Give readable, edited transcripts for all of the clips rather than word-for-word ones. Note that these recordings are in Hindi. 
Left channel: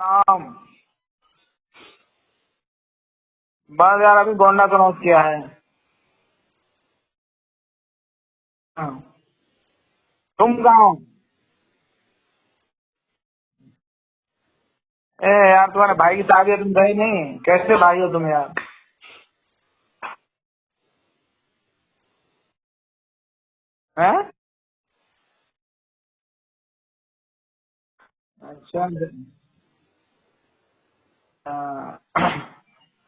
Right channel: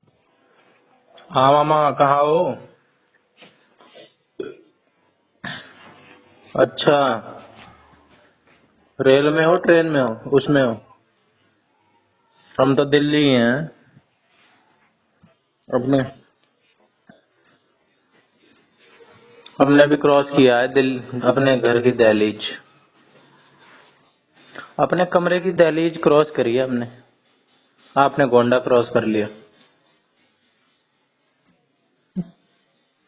हाँ हाँ मामा, कहाँ हो? बस यार अभी गोंडा क्रॉस किया है। अच्छा, हाँ। रेल में हो ट्रेन में हो तुम उसमें हो? कहाँ हो? हम तो दिल्ली ही हैं। ए यार तुम्हारे अपने भाई की शादी है, तुम गए नहीं? कैसे भाई हो तुम यार? हमने भी क्रॉस किया है दिल अपने घर की दहलीज। हैं? अपने कमरे की दहलीज क्रॉस करी है हमने। आपने गोंडा क्रॉस कर लिया। हाँ।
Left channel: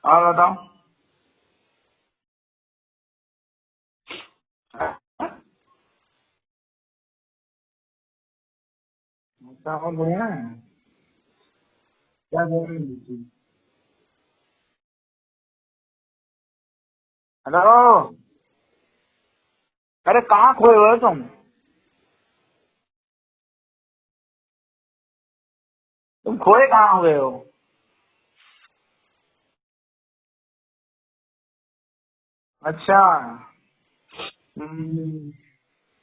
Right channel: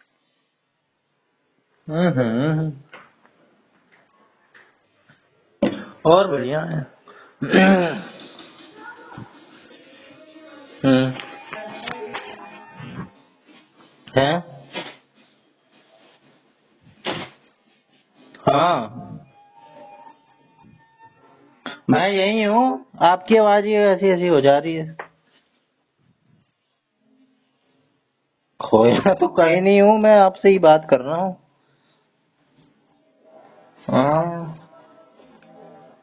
और बताओ। हम्म। और बढ़िया है। क्या और बढ़िया है? हम्म। क्या कह रही है? हैं? हेलो। हाँ, अरे कहाँ खोए हुए हो तुम? मैं यही हूँ। आपकी आवाज ही ऐसी ऐसी हो जा रही है। तुम खोए कहाँ हुए हो? खोया तो कहीं नहीं हूँ, मैं आपसे ही बात कर रहा हूँ। अच्छा। हाँ, हम्म,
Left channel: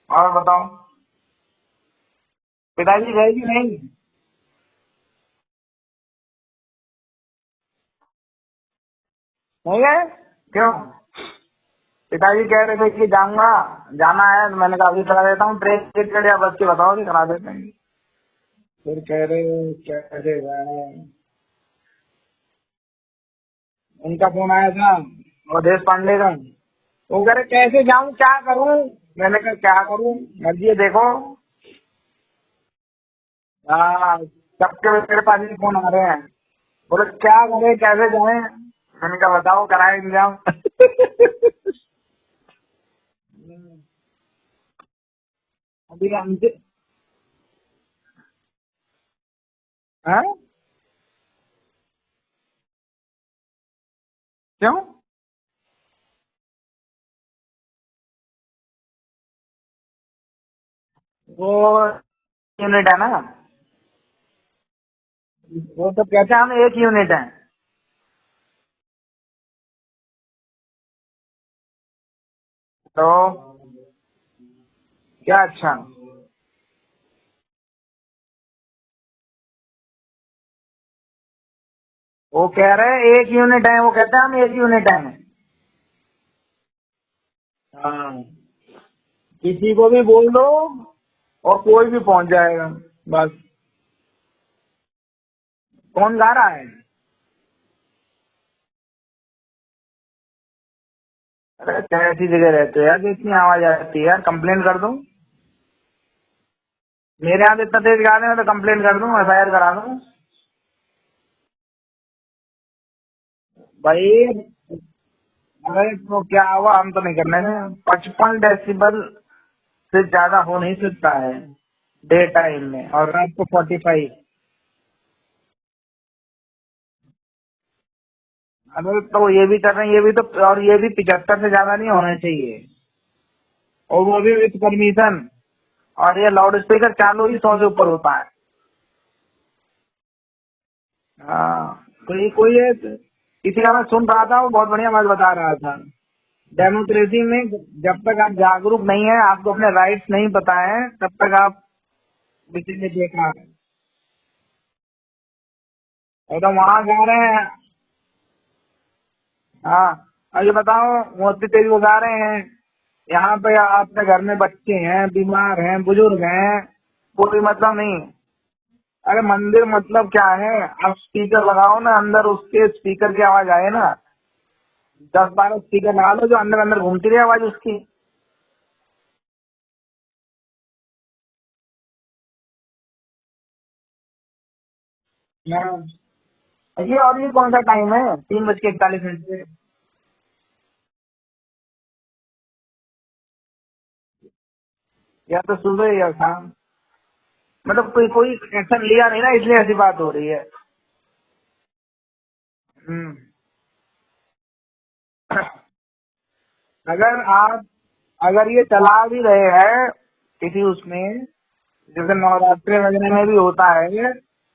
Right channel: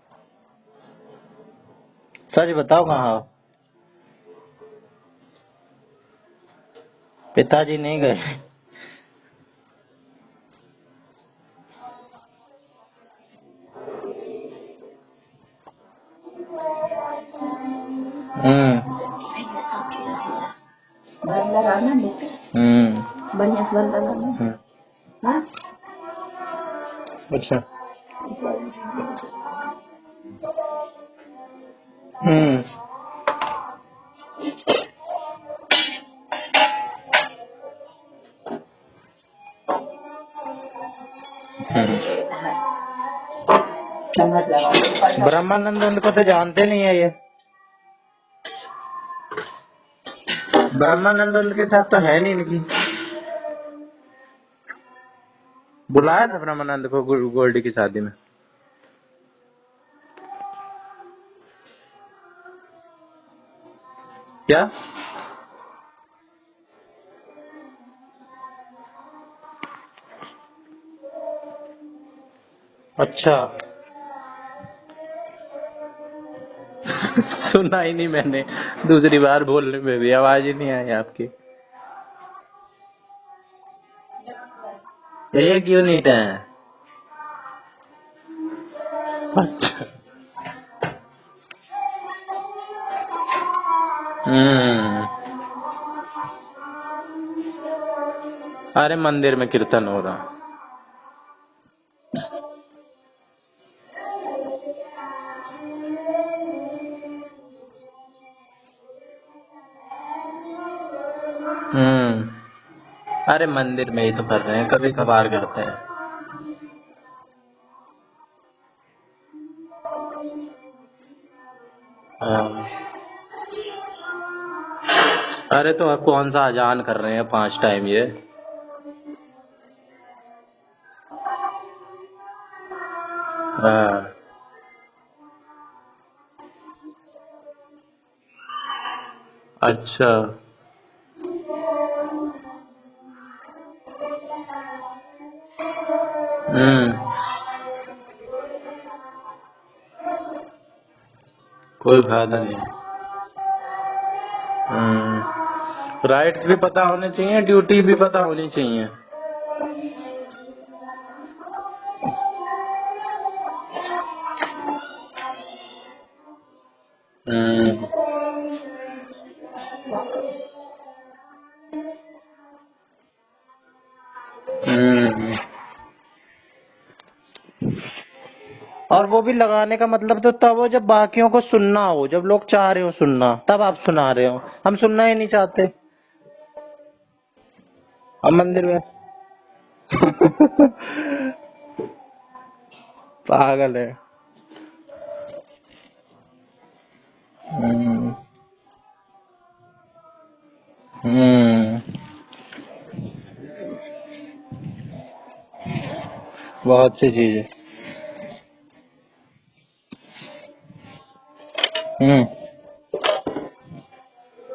और बताओ। सच बताओ पिताजी कहाँ हो? गए कि नहीं? पिताजी नहीं गए। नहीं गए? क्यों? पिताजी कह रहे थे कि जाऊंगा, जाना है, तो मैंने कहा अभी करा देता हूँ ट्रेन टिकट या बस के बताओ कि करा देते हैं। हम्म। फिर कह रहे क्या करेगा है। हम्म। उनका फोन आया था और देश पांडे का। वो कह रहे अच्छा। कैसे जाऊं, क्या करूं? मैंने कहा क्या करूं, मर्जी है देखो। हम्म। हाँ, सबके मेरे पास ही फोन आ रहे हैं। बोले क्या करें, कैसे जाए? मैंने कहा बताओ, कराए इंतजाम। ब्रह्मानंद उनको तो जानते नहीं है ये। हाँ? ब्रह्मानंद उनके साथ तो है नहीं इनकी। क्यों? बुलाया था ब्रह्मानंद को गोल्डी की शादी में। वो यूनिट है ना? क्या? वो तो कहते हैं हम एक यूनिट है। तो अच्छा। क्या अच्छा? सुना ही नहीं मैंने। दूसरी बार बोलने में भी आवाज ही नहीं आई आपकी। वो कह रहे हैं एक यूनिट है, वो कहते हैं हम एक यूनिट है। एक यूनिट है। हाँ, किसी को भी बोल दो और कोई भी पहुंच जाएगा। बस। हम्म। कौन गा रहा है? अरे मंदिर में कीर्तन हो रहा। अरे कैसी जगह रहते हो यार कि इतनी आवाज आती है यार, कंप्लेन कर दूं? मेरे यहाँ तो इतना तेज गा रहे हैं, तो कंप्लेन कर दूं, FIR करा दूं। हम्म। अरे मंदिर में ही तो भाई कर रहे हैं, कभी कभार करते हैं। अरे तो क्या हुआ, हम तो नहीं करने में। 55 डेसिबल से ज्यादा हो नहीं सकता है डे टाइम में, और रात को 45। अरे तो आप कौन सा अजान कर रहे हैं 5 टाइम ये? अरे तो ये भी कर रहे हैं, ये भी तो, और ये भी 75 से ज्यादा नहीं होना चाहिए, और हाँ। वो भी विथ परमिशन। और ये लाउड स्पीकर चालू ही 100 से ऊपर होता है। अच्छा। हाँ, तो ये कोई है, किसी का मैं सुन रहा था, वो बहुत बढ़िया बात बता रहा था। डेमोक्रेसी में जब तक आप जागरूक नहीं है, आपको अपने राइट्स नहीं पता है, तब तक आप कोई फायदा नहीं। किसी ने देखा। राइट्स तो भी वहाँ पता गा होने रहे चाहिए, हैं। ड्यूटी भी पता होनी चाहिए। हाँ, अब ये बताओ, मोदी तेरी वो गा रहे हैं, यहाँ पे आपके घर में बच्चे हैं, बीमार हैं, बुजुर्ग हैं, कोई मतलब हम्म। नहीं। अरे मंदिर मतलब क्या है? आप स्पीकर लगाओ ना अंदर, उसके स्पीकर की आवाज आए ना। 10-12 स्पीकर लगा लो जो अंदर अंदर घूमती रही आवाज उसकी। और वो भी लगाने का मतलब तो तब हो जब बाकियों को सुनना हो, जब लोग चाह रहे हो सुनना, तब आप सुना रहे हो। हम सुनना ही नहीं चाहते। हाँ। ये कौन सा टाइम है, अब तीन बज मंदिर के में 41 मिनट से? पागल है। या तो सुबह या शाम। मतलब कोई हम्म। कोई एक्शन लिया नहीं ना, इसलिए ऐसी बात हो रही है। हम्म। हम्म। बहुत सी अगर चीजें। आप, अगर ये चला भी रहे हैं किसी उसमें, जैसे हम्म। नवरात्रि वगैरह में भी होता है,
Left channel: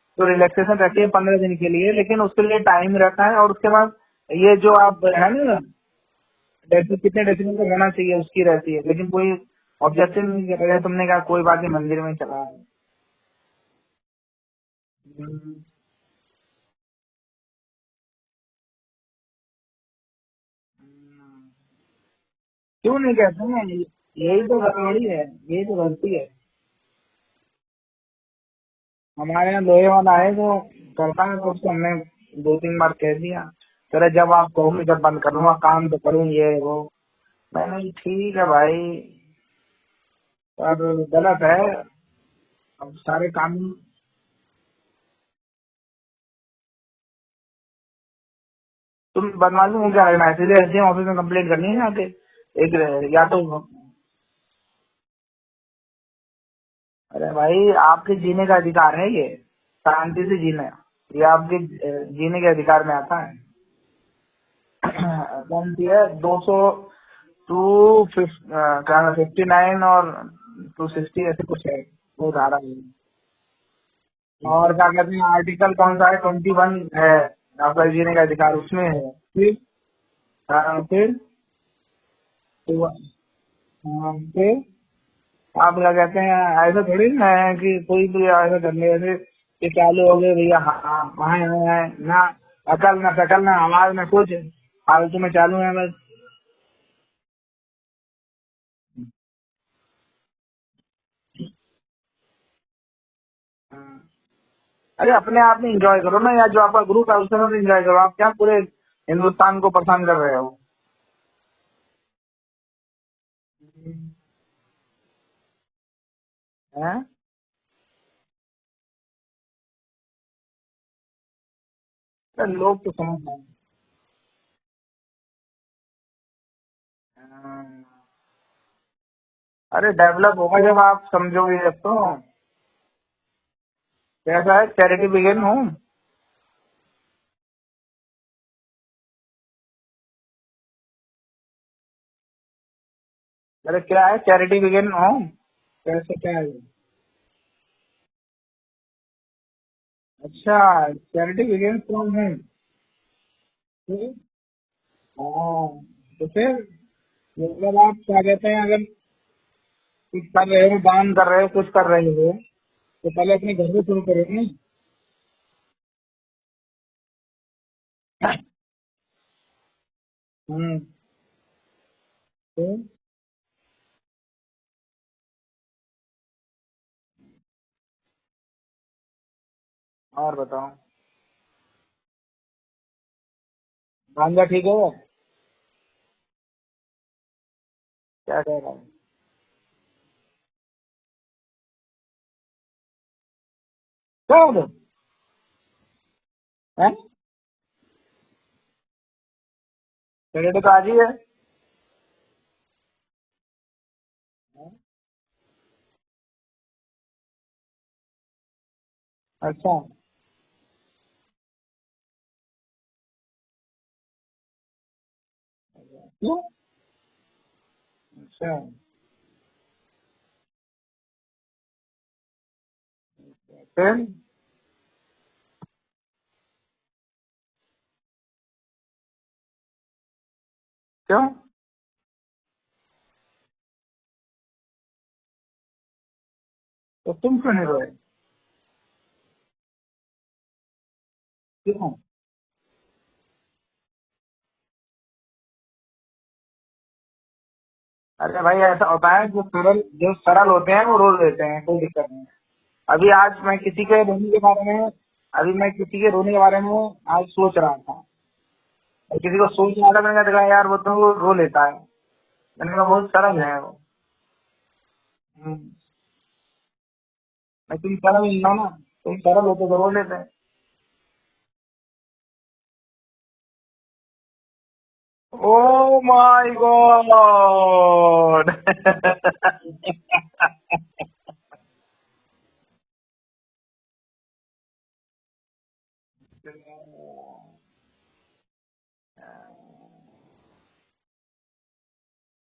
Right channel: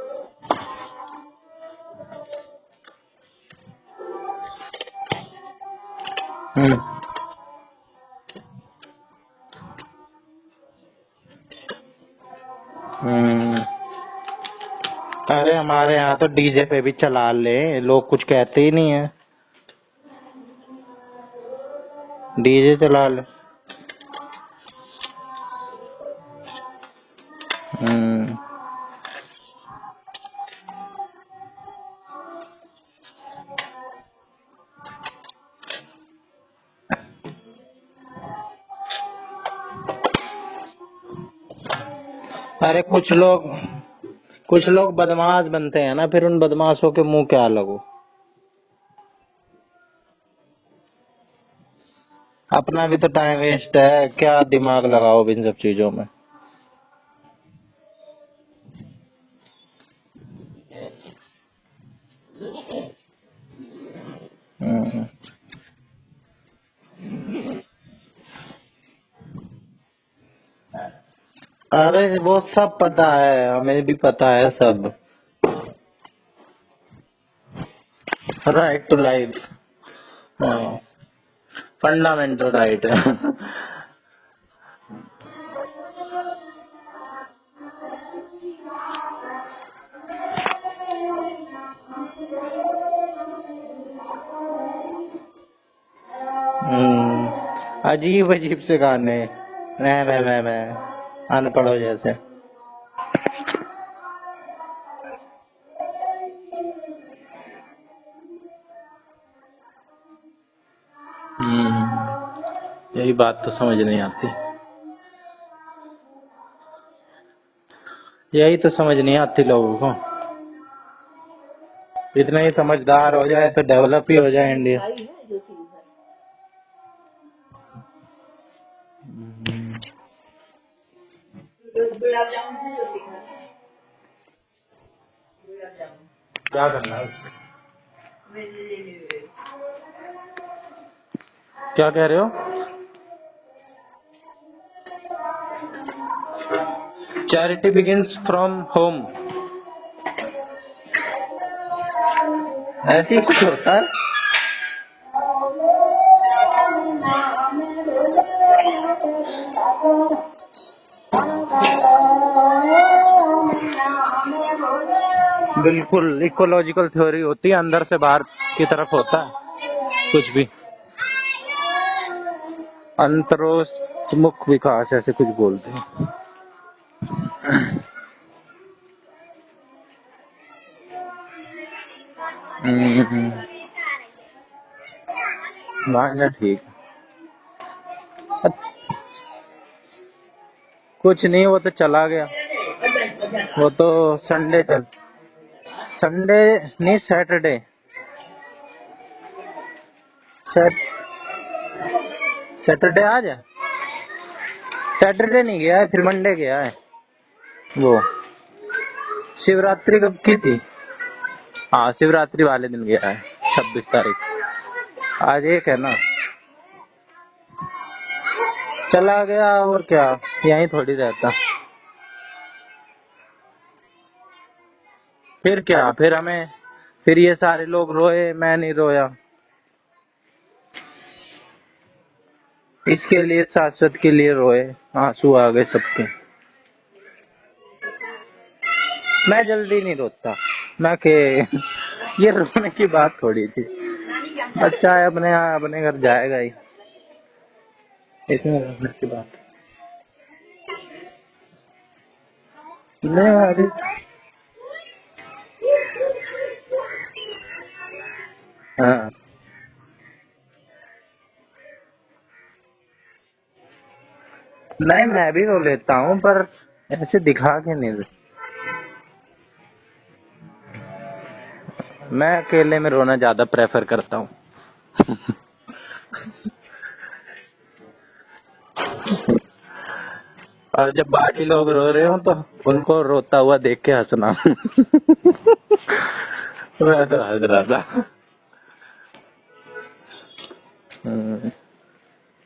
तो रिलैक्सेशन रहती है 15 दिन के लिए, लेकिन उसके लिए टाइम रहता है। और उसके बाद ये जो आप है ना, कितने डेसिबल का होना चाहिए उसकी रहती है, लेकिन कोई ऑब्जेक्शन नहीं कर रहा है। तुमने कहा कोई बात नहीं, मंदिर में चला जाए। हम्म। अरे हमारे यहाँ तो डीजे पे भी चला ले, लोग कुछ कहते ही नहीं है। डीजे क्यों चला नहीं ले। कहते हैं? यही तो गड़बड़ी है, यही तो गलती है। हम्म। हमारे यहाँ लोहे वाला है जो करता है, तो उसको हमने 2-3 बार कह दिया, अरे जब आप कहोगे जब बंद करूंगा, काम तो करूँ, ये वो। मैंने ठीक है भाई, पर गलत है। अरे सारे कानून कुछ लोग बदमाश बनते हैं ना, फिर उन बदमाशों के मुंह क्या लगो। तुम बदमाशी में क्या लगना है? इसलिए एसडीएम ऑफिस में कंप्लेंट करनी है जाके। अपना भी तो या टाइम तो वेस्ट है, क्या दिमाग लगाओ इन सब चीजों में। अरे भाई, आपके जीने का अधिकार है ये, शांति से जीना है, ये आपके जीने के अधिकार में आता है। कौन सी है 59 और 260 ऐसे कुछ है, अरे वो सब पता है, हमें भी पता है और क्या सब। कहते हैं आर्टिकल कौन सा है, 21 है आपका जीने का अधिकार राइट उसमें टू है। लाइफ, फिर फंडामेंटल राइट है। फिर आप क्या कहते हैं, ऐसा थोड़ी ना है कि कोई भी ऐसा करने वैसे कि चालू हो गए भैया, हाँ वहाँ है ना, अकल ना शकल ना आवाज ना कुछ, फालतू में चालू है बस। अजीब अजीब से गाने, मैं अनपढ़ो जैसे। अरे अपने आप में एंजॉय करो ना यार, जो आपका ग्रुप है उसमें तो एंजॉय करो, आप क्या पूरे हिंदुस्तान को परेशान कर रहे हो? यही बात तो समझ नहीं आती, हैं? यही तो समझ नहीं आती लोगों को। इतना ही लोग तो समझदार हो समझते जाए हैं। तो डेवलप ही हो जाए इंडिया। अरे डेवलप होगा जब आप समझोगे, जब तो कैसा है, चैरिटी बिगिन हो। क्या करना है? क्या कह रहे हो? अरे क्या है, चैरिटी बिगिन हो, कैसे क्या है ये? Charity begins from home. अच्छा, चैरिटी बिगिन फ्रॉम होम। ऐसे ही कुछ होता है। तो फिर मतलब आप क्या कहते हैं, अगर कुछ कर रहे हो, दान कर रहे हो, कुछ कर रहे हो, तो पहले अपने घर से शुरू करो ना। बिल्कुल इकोलॉजिकल थ्योरी होती है, अंदर से बाहर की तरफ होता है कुछ भी। तो अंतरोन्मुख विकास ऐसे कुछ बोलते हैं। और बताओ, भांजा ठीक है? भांजा ठीक। क्या कर रहा है? कुछ नहीं, वो तो चला गया। वो तो संडे नहीं, सैटरडे। तो आज ही है। सैटरडे आज है। सैटरडे नहीं गया है, फिर मंडे गया है। वो शिवरात्रि कब की थी? हाँ, शिवरात्रि वाले दिन गया है, 26 तारीख। आज एक है ना, चला गया। और क्या, यहीं थोड़ी रहता। फिर क्या, फिर ये सारे लोग रोए, मैं नहीं रोया। क्यों? इसके लिए, शाश्वत के लिए रोए, आंसू आ गए सबके। तो तुम क्यों नहीं रोए? मैं जल्दी नहीं रोता। मैं के ये रोने की बात थोड़ी थी। बच्चा है, अपने घर जाएगा ही। अरे भाई ऐसा होता है, जो सरल होते हैं वो रो देते हैं, कोई दिक्कत नहीं। अभी आज मैं किसी के रोने के बारे में आज सोच रहा था, हाँ। किसी को सोच रहा था, मैंने देखा यार वो तो रो लेता है, मैंने कहा बहुत सरल है वो। नहीं, मैं भी रो लेता हूँ, पर ऐसे दिखा के नहीं रोता। तुम सरल होते तो रो लेते। मैं अकेले में रोना ज्यादा प्रेफर करता हूँ। Oh my God. और जब बाकी लोग रो रहे हो तो उनको रोता हुआ देख के हंसना। मैं तो हंस रहा था।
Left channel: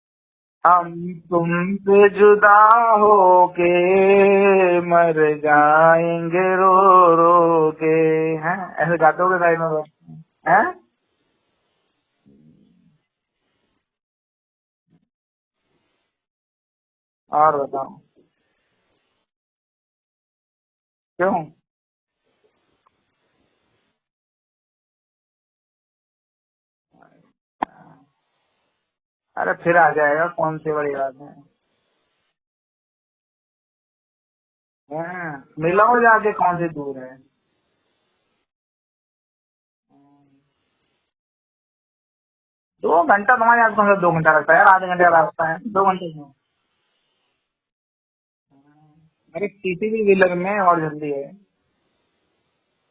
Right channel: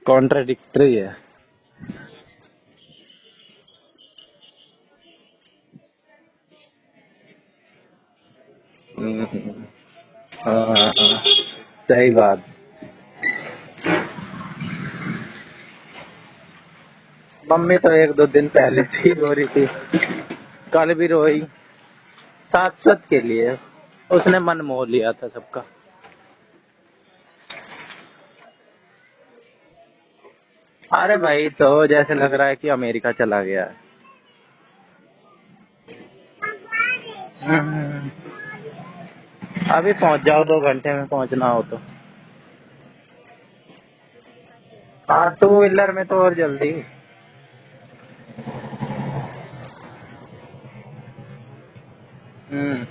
कॉन्ट्राडिक्टरी है। तुमसे जुदा होके मर जाएंगे रो रो के, हैं ऐसे गाते हो साइड में लोग, हैं? सही बात। और मम्मी तो 1-2 दिन पहले से ही रो रही थी, कल भी रोई। शाश्वत के लिए उसने मन मोह लिया था सबका। अरे फिर आ जाएगा, कौन सी बड़ी अरे बात भाई तो जैसे लग रहा है कि अमेरिका चला गया है। है। मिलाओ जाके, कौन सी दूर है। अभी पहुंच जाओ, 2 घंटे में पहुंचना हो तो। 2 घंटा तुम्हारे यहाँ कौन सा 2 घंटा लगता है यार, आधे घंटे का लगता टू है, व्हीलर 2 में घंटे। तो और जल्दी। अरे किसी भी व्हीलर में और जल्दी है। हम्म।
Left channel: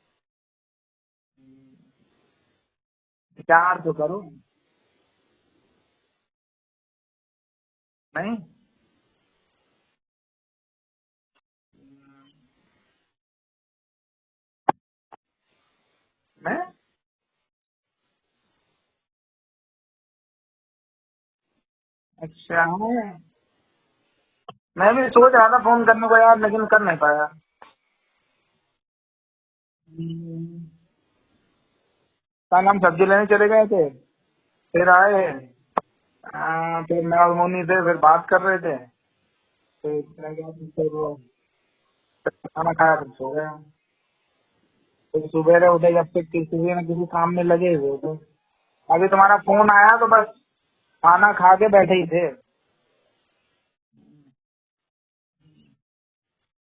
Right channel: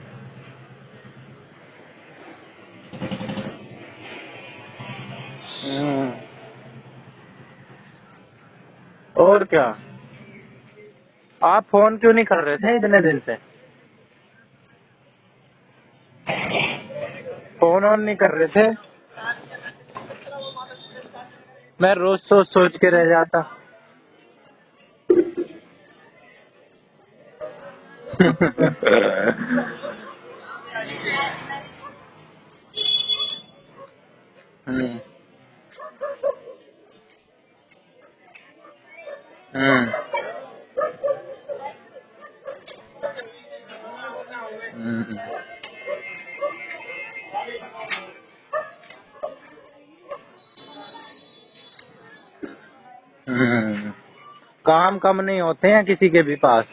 4 तो करो। हम्म। नहीं और क्या। आप फोन क्यों नहीं कर रहे थे इतने दिन से? है? फोन ऑन नहीं कर रहे थे? मैं रोज सोच अच्छा, सोच के रह जाता। मैं भी सोच रहा था फोन करने को यार, लेकिन कर नहीं पाया। कल हम सब्जी लेने चले गए थे, फिर आए। फिर मैं और मोनी थे, फिर बात कर रहे थे। फिर वो खाना खाया तो सो गया। फिर सुबह उठे जब से किसी न किसी काम में लगे हुए थे। अभी तुम्हारा फोन आया तो बस खाना खा के बैठे ही थे। काम कम नहीं होते हैं किसी के भी पास,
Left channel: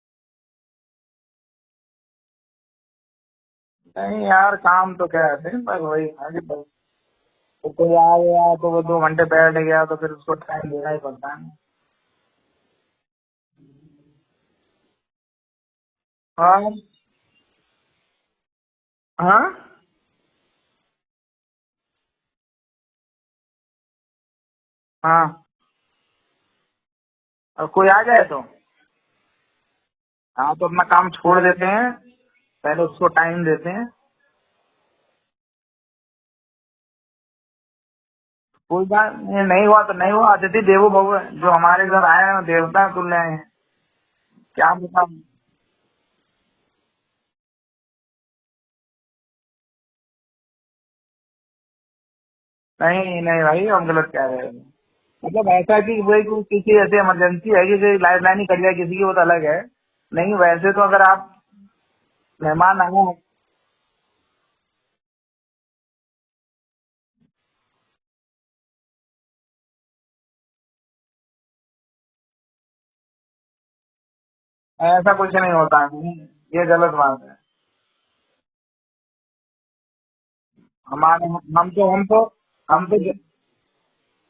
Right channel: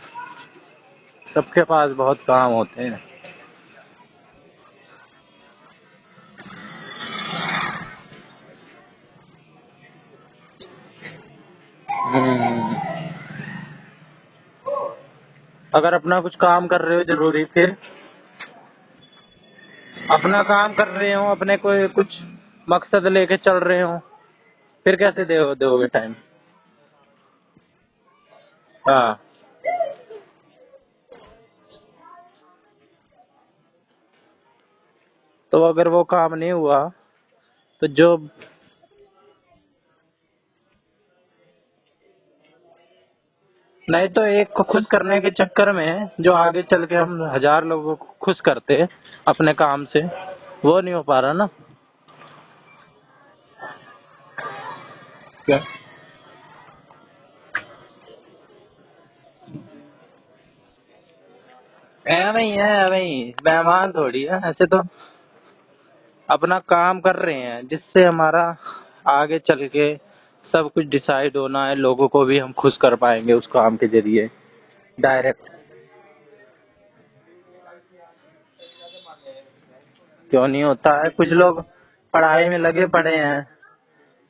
सबके पास बहुत काम होते हैं। नहीं यार, काम तो क्या है, पर वही अभी तो कोई आ गया तो वो 2 घंटे बैठ गया तो फिर उसको टाइम देना ही पड़ता है। अगर अपना कुछ और काम आप? कर रहे हो जरूरी, फिर हाँ, अपना काम कर रहे हो, अपने कोई कुछ मकसद लेके चल रहे हो, फिर कैसे हाँ, दोगे टाइम? और कोई आ जाए तो हाँ। हाँ तो अपना काम छोड़ देते हैं, पहले उसको टाइम देते हैं। तो अगर वो काम नहीं हुआ तो जो कोई बात नहीं हुआ तो नहीं हुआ, अतिथि देवो भव है। जो हमारे घर आए हैं वो देवता तुल्य आए हैं। नहीं तो एक को खुश करने के चक्कर में जो आगे चल के हम 1000 लोगों को खुश करते अपने काम से, वो नहीं हो पा रहा ना। नहीं नहीं भाई, हम गलत कह रहे हैं। मतलब क्या? ऐसा कि वही कोई किसी ऐसी इमरजेंसी है कि लाइफ लाइन ही कट जाए किसी की, वो तो अलग है। नहीं वैसे तो अगर आप मेहमान आए हैं। मेहमान थोड़ी है, ऐसे तो अपना काम कर रहे हैं जिससे हमारा आगे चल के सब कुछ डिसाइड होना है, लोगों को भी हम खुश कर पाएंगे उस काम के जरिए। ऐसा कुछ डायरेक्ट नहीं होता है, ये गलत बात है। क्यों नहीं होता है? हमारे कुछ लोग हम तो पढ़ाई में लगे हम तो पड़े हैं,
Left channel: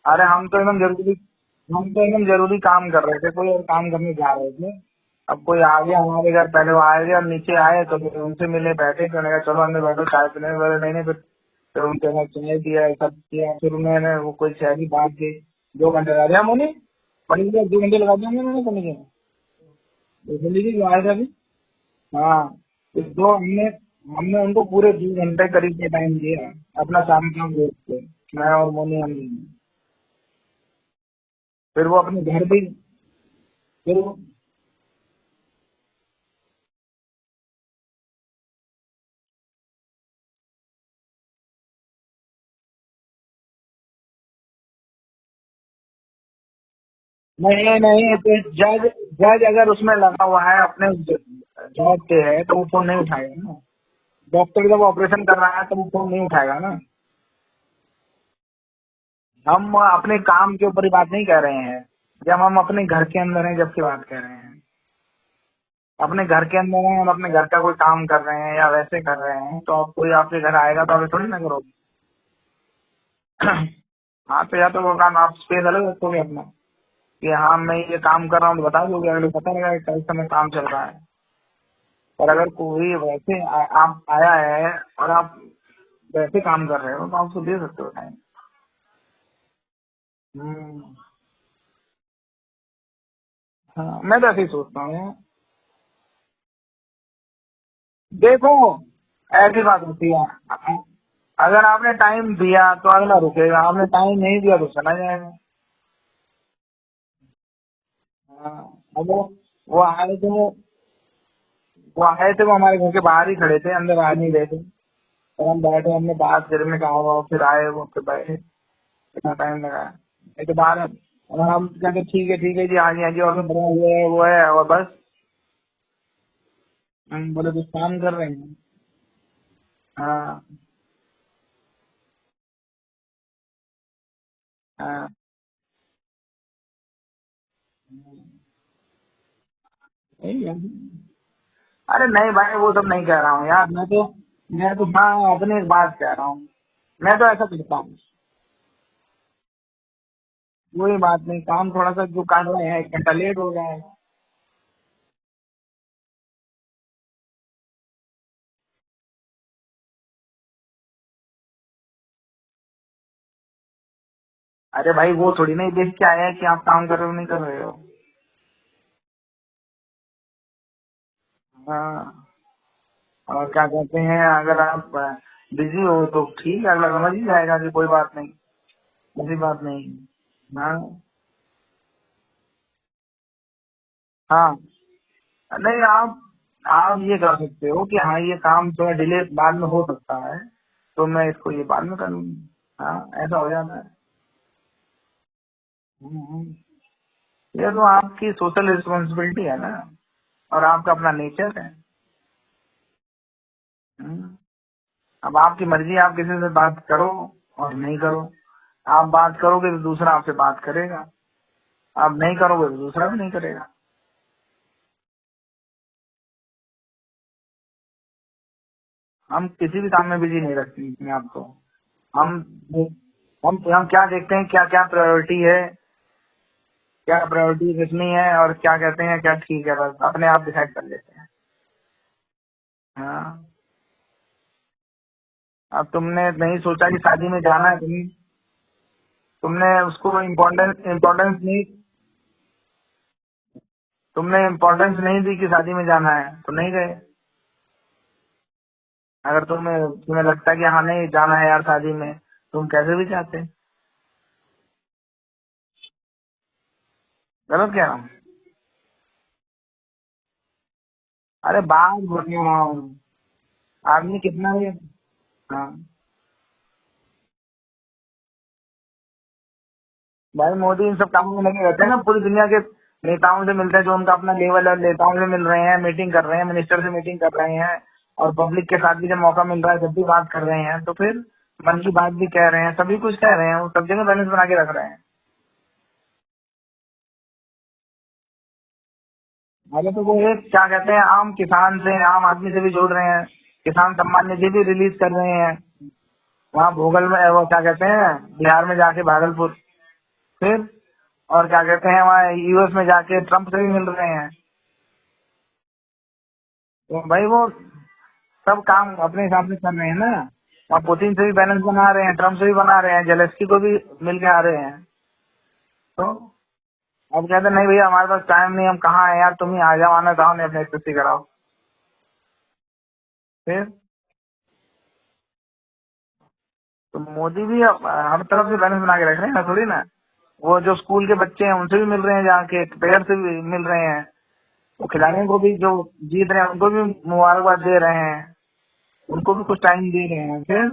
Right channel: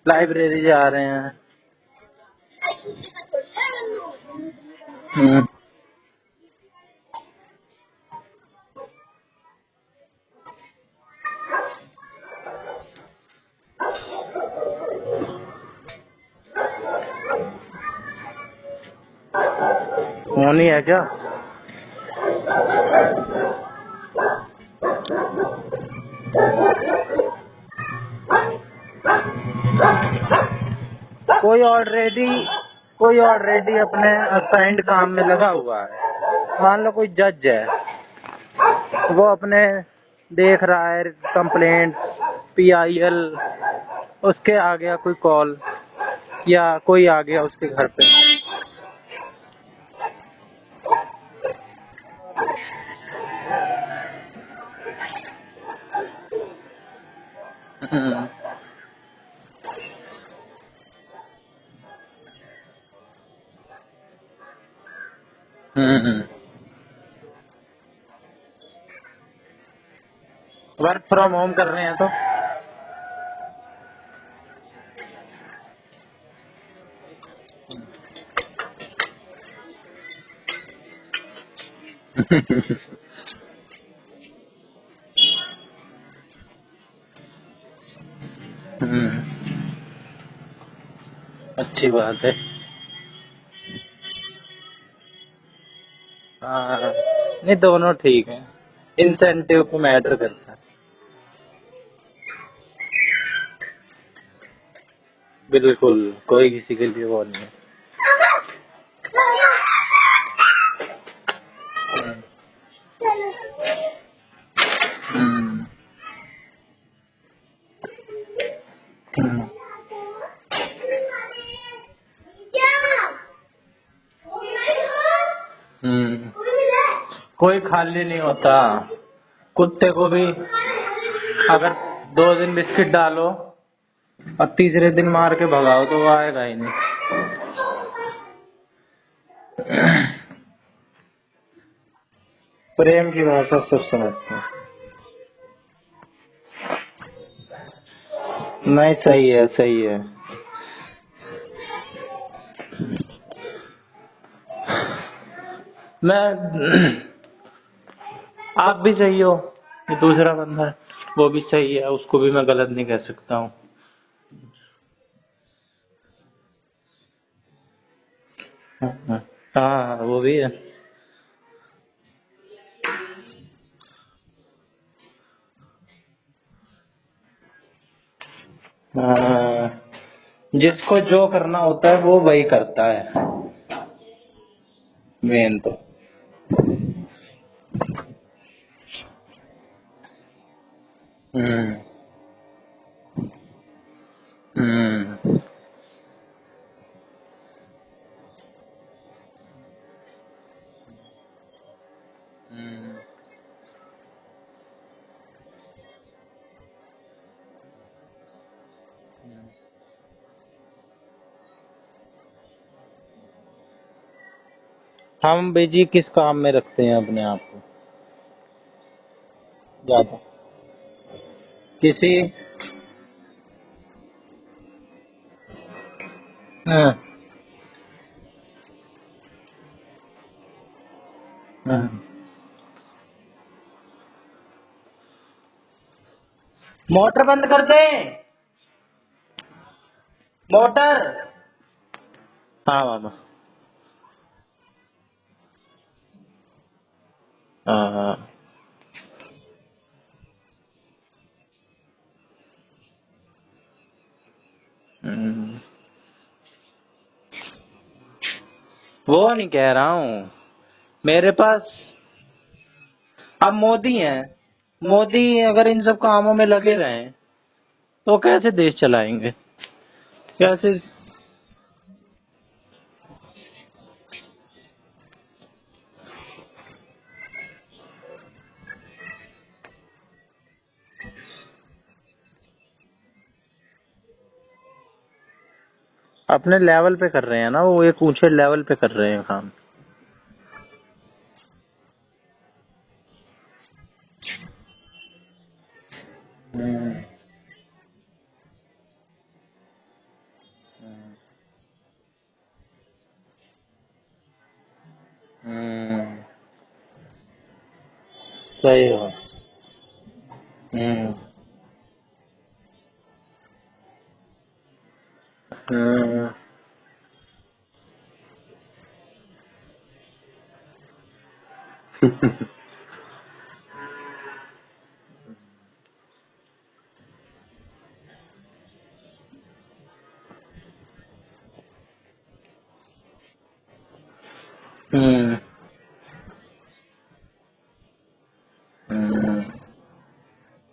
अरे हम तो लाइब्रेरी एकदम जा रहे जरूरी, हैं। हम तो एकदम जरूरी काम कर रहे थे, कोई और काम करने जा रहे थे। अब हम्म। कोई आ गया हमारे घर, पहले वो आए थे, अब नीचे आए तो फिर उनसे मिले, बैठे तो मैंने कहा चलो अंदर बैठो चाय पीने। बोले नहीं नहीं, फिर उनके घर सुनने दिया, सब किया। फिर उन्होंने वो कोई शहरी बात की, 2 घंटे लगा दिया मैंने, पढ़ी 2 घंटे लगा दिया मैंने पढ़ने के। तो होनी जरूरी है जो क्या? आए थे अभी। हाँ, तो हमने हमने उनको पूरे 2 घंटे करीब से टाइम दिया, अपना सारे काम देख के, मैं और मोनी हम। कोई फिर वो अपने ऑलरेडी घर भी कोई ऑलरेडी फिर अपने असाइंड काम में लगा हुआ है। मान लो कोई जज है, वो अपने देख रहा है कंप्लेंट, PIL, उसके आ गया कोई कॉल या कोई आ गया उसके नहीं घर पे। नहीं, तो जज जज अगर उसमें लगा हुआ है अपने जॉब पे है तो वो फोन नहीं उठाएगा ना। डॉक्टर जब ऑपरेशन कर रहा है तो वो फोन नहीं उठाएगा ना। हम्म। हम अपने काम के ऊपर ही बात नहीं कर रहे हैं, जब हम अपने घर के अंदर हैं जब की बात कर रहे हैं। अपने घर के अंदर हैं, हम अपने घर का कोई काम कर रहे हैं या वैसे कर रहे हैं, तो अब कोई आपके घर आएगा तो वर्क आप थोड़ी फ्रॉम ना होम कर करोगे। रहे हैं तो हाँ तो या तो वो काम आप स्पेस अलग रखोगे अपना, कि हाँ मैं ये काम कर रहा हूँ तो बता दोगे, अगले को पता लगा कि इस समय काम चल रहा है। और अगर कोई वैसे आप आया है और आप वैसे काम कर रहे हो तो आप तो दे सकते हो टाइम। अच्छी बात है। हाँ, मैं तो ऐसे ही सोचता हूँ। हाँ, नहीं दोनों ठीक है, देखो, ऐसी इंसेंटिव पे बात होती मैटर करता है। है, अगर आपने टाइम दिया तो अगला रुकेगा, आपने टाइम नहीं दिया तो चला जाएगा। बिल्कुल, कोई किसी के लिए वो नहीं है। हाँ, अगर वो हमारे घर के बाहर ही खड़े थे, अंदर आ नहीं रहे थे। फिर हम बैठे, हमने बात करने का हुआ, फिर आए वो, फिर बैठे, इतना टाइम लगा। एक बार अगर हम कहते ठीक है जी आएंगे जी, और बढ़िया ये है वो है और बस। कोई खाली नहीं होता। कुत्ते को भी अगर 2 दिन बिस्किट डालो और तीसरे दिन मार के भगाओ तो वो आएगा ही नहीं। अरे नहीं भाई, वो सब नहीं प्रेम कह की रहा हूँ भाषा यार। सब समझते हैं। मैं तो हाँ अपनी एक बात कह रहा हूँ। मैं तो ऐसा करता हूँ। नहीं, सही है, सही है। कोई बात नहीं, काम थोड़ा सा जो कर रहे हैं 1 घंटा लेट हो जाए। मैं आप भी सही हो, ये दूसरा बंदा है वो भी सही है, उसको भी मैं गलत नहीं कह सकता हूँ। अरे भाई वो थोड़ी नहीं देख के आया है कि आप काम कर रहे हो नहीं कर रहे हो। हाँ, वो भी है। हाँ, और क्या कहते हैं, अगर आप बिजी हो तो ठीक है, अगला समझ ही जाएगा कि कोई बात नहीं, ऐसी बात हाँ, नहीं। हाँ जिसको जो करना होता है वो वही करता है, हाँ। मेन तो। नहीं, आप ये कर सकते हो कि हाँ ये काम थोड़ा डिले बाद में हो सकता है, तो मैं इसको बाद में कर लूंगा। हाँ, ऐसा हो जाता है। हम्म। हम्म। ये तो आपकी सोशल रिस्पॉन्सिबिलिटी है ना, और आपका अपना नेचर है। हम्म। अब आपकी मर्जी, आप किसी से बात करो और नहीं करो। आप बात करोगे तो दूसरा आपसे बात करेगा, आप नहीं करोगे तो दूसरा भी नहीं करेगा। हम बिजी किस काम में रखते हैं अपने आप को? हम किसी भी काम ज्यादा में बिजी नहीं रखते अपने आप को। किसी हम हम क्या देखते हैं, क्या क्या प्रायोरिटी है, हाँ, क्या प्रायोरिटी कितनी है, और क्या कहते हैं क्या ठीक है, बस अपने आप डिसाइड कर लेते हैं। हाँ। हाँ, अब तुमने नहीं सोचा कि मोटर शादी में बंद कर जाना है, दे। तुमने उसको इम्पोर्टेंस मोटर। इम्पोर्टेंस नहीं, हाँ बाबा। तुमने इम्पोर्टेंस नहीं दी कि शादी में जाना है तो नहीं गए। हाँ हाँ। अगर तुम्हें लगता है कि हाँ नहीं जाना है यार शादी में, तुम कैसे भी जाते। हम्म। गलत कह रहा हूँ? वो नहीं कह रहा हूँ, मेरे अरे पास बात बोल रहा हूँ। अब मोदी है। आदमी कितना भी मोदी अगर हाँ, इन सब कामों में लगे रहे तो कैसे देश चलाएंगे? भाई कैसे? मोदी इन सब कामों में लगे रहते हैं ना, पूरी दुनिया के नेताओं से मिलते हैं, जो उनका अपना लेवल है, नेताओं से मिल रहे हैं, मीटिंग कर रहे हैं, मिनिस्टर से मीटिंग कर रहे हैं, और पब्लिक के साथ भी जब मौका मिल रहा है जब भी बात कर रहे हैं, तो फिर मन की बात भी कह रहे हैं, सभी कुछ कह रहे हैं, वो सब जगह बैलेंस बना के रख रहे हैं। अपने लेवल पे कर रहे हैं ना, वो एक ऊंचे लेवल पे कर रहे हैं काम। अरे तो वो एक क्या कहते हैं, आम किसान से, आम आदमी से भी जोड़ रहे हैं, किसान सम्मान निधि भी रिलीज कर रहे हैं। वहाँ भोगल में वो क्या कहते हैं, बिहार में जाके भागलपुर, फिर और क्या कहते हैं वहाँ यूएस में जाके ट्रम्प से भी मिल रहे हैं। तो भाई वो सब सही काम है। अपने हिसाब से कर रहे हैं ना। वहाँ पुतिन से भी बैलेंस बना रहे हैं, ट्रम्प से भी बना रहे हैं, जेलेस्की को भी मिल के आ रहे हैं। तो अब कहते हैं नहीं भैया हमारे पास टाइम नहीं, हम कहाँ है यार, तुम ही आ जाओ, आना चाहो नहीं अपने स्थिति कराओ। फिर तो मोदी भी अब हर तरफ से बैलेंस बना के रख रहे हैं ना, थोड़ी ना। वो जो स्कूल के बच्चे हैं उनसे भी मिल रहे हैं, जाके प्लेयर से भी मिल रहे हैं, वो खिलाड़ियों को भी जो जीत रहे हैं उनको भी मुबारकबाद दे रहे हैं, उनको भी कुछ टाइम दे रहे हैं। फिर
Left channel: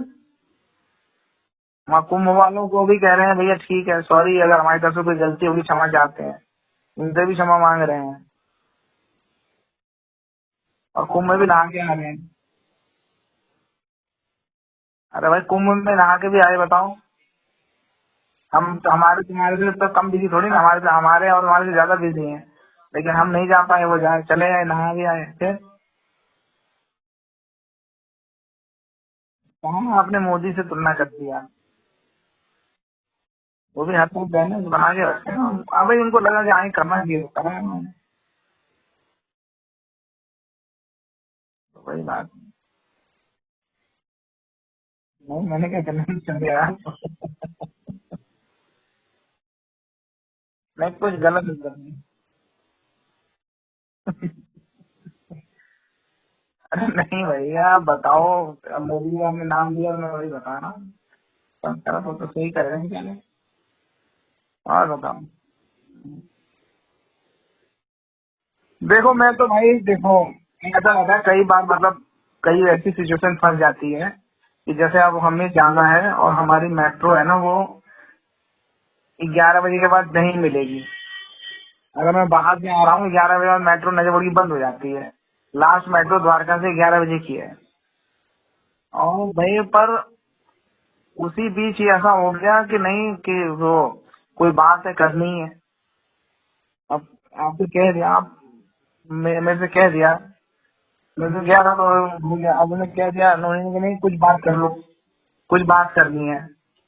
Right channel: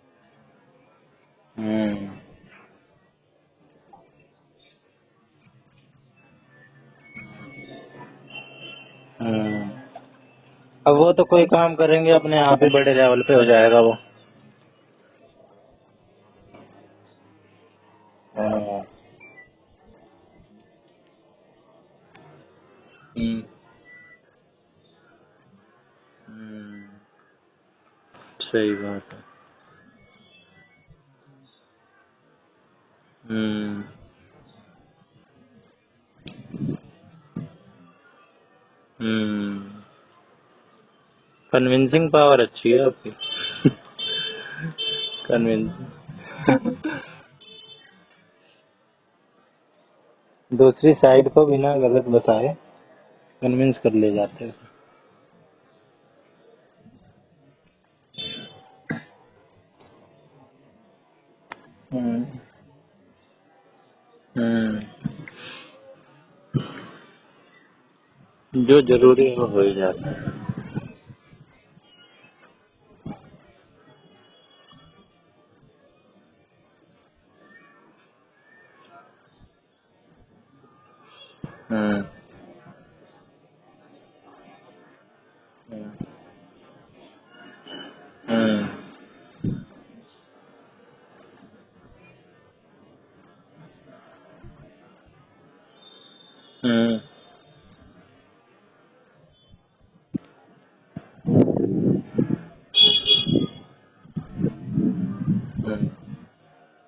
वहाँ कुंभ वालों को भी कह रहे हैं भैया ठीक है, सॉरी अगर हमारी तरफ से कोई गलती होगी क्षमा चाहते हैं, उनसे भी क्षमा मांग रहे हैं। अब और वो तो कुंभ में कोई भी नहा काम के करेंगे आए। अपने आप ही बड़े लेवल पे हो जाएगा वो। अरे भाई कुंभ में नहा के भी आए, बताओ। हम हमारे तुम्हारे से तो कम बिजी थोड़ी ना, हमारे और हमारे से ज्यादा बिजी हैं, लेकिन हम नहीं जा पाए, वो जाए चले आए, नहा भी आए। फिर सही बात है। कहाँ आपने मोदी से तुलना कर दिया। वो भी हर तरफ बैलेंस बना के रखते हैं। हाँ भाई उनको लगा कि हाँ ये करना चाहिए, करा है उन्होंने। कोई कन्विंसिंग बात पावर अच्छी है आपकी। नहीं, मैंने कन्विंस क्या करना कर दिया। दूसरी नहीं कुछ साइड को गलत। बिना गलत बताए कन्विंस कर ले जाते हैं। अरे नहीं भैया आप बताओ, अब मेरे लिए आपने नाम दिया मैं वही बता रहा हूँ। तुम तो सही कर रहे हैं क्या नहीं? और बताओ। जो देखो जरूरी मैं है तो वो हो ही भाई जाएगा। देखो, ऐसा होता है कई बार, मतलब कई ऐसी सिचुएशन फंस जाती है कि जैसे अब हमें जाना है और हमारी मेट्रो है ना वो 11 बजे के बाद नहीं मिलेगी। अगर मैं बाहर से आ रहा हूँ 11 बजे बाद मेट्रो नजर बड़ी बंद हो जाती है, लास्ट मेट्रो द्वारका से 11 बजे की है। और भाई पर उसी बीच ही ऐसा हो गया कि नहीं कि वो कोई बात है करनी है। अब आपको कह दिया, आप मेरे से कह दिया, मैं गया था तो हो गया। अब उन्होंने कह दिया उन्होंने कि नहीं कुछ बात कर लो, कुछ बात करनी है।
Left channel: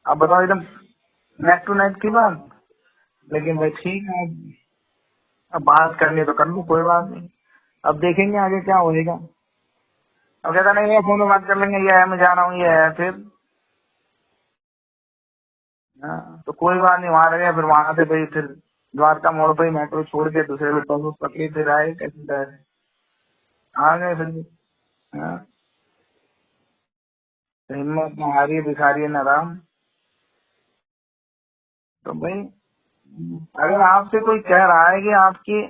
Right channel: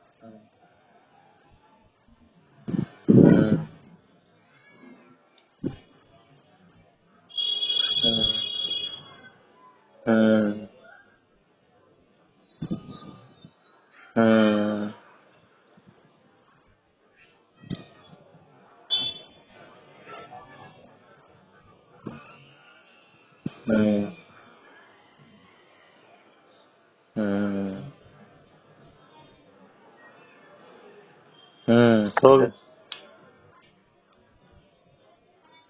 अब बताओ एकदम नेक टू नेक की बात। लेकिन भाई ठीक है, अब बात करनी है तो कर लो, कोई बात नहीं, अब देखेंगे आगे क्या होएगा। अब कहता नहीं फोन में बात कर लेंगे, ये है मैं जा रहा हूँ, ये है फिर तो कोई बात नहीं। वहां रहे, फिर वहां से भाई फिर द्वारका मोड़ पर ही मेट्रो छोड़ के दूसरे बस पकड़ी, फिर आए कहीं आ गए फिर भी। हाँ, हिम्मत न हारी भिखारी न राम। तो भाई अगर आपसे कोई कह रहा है कि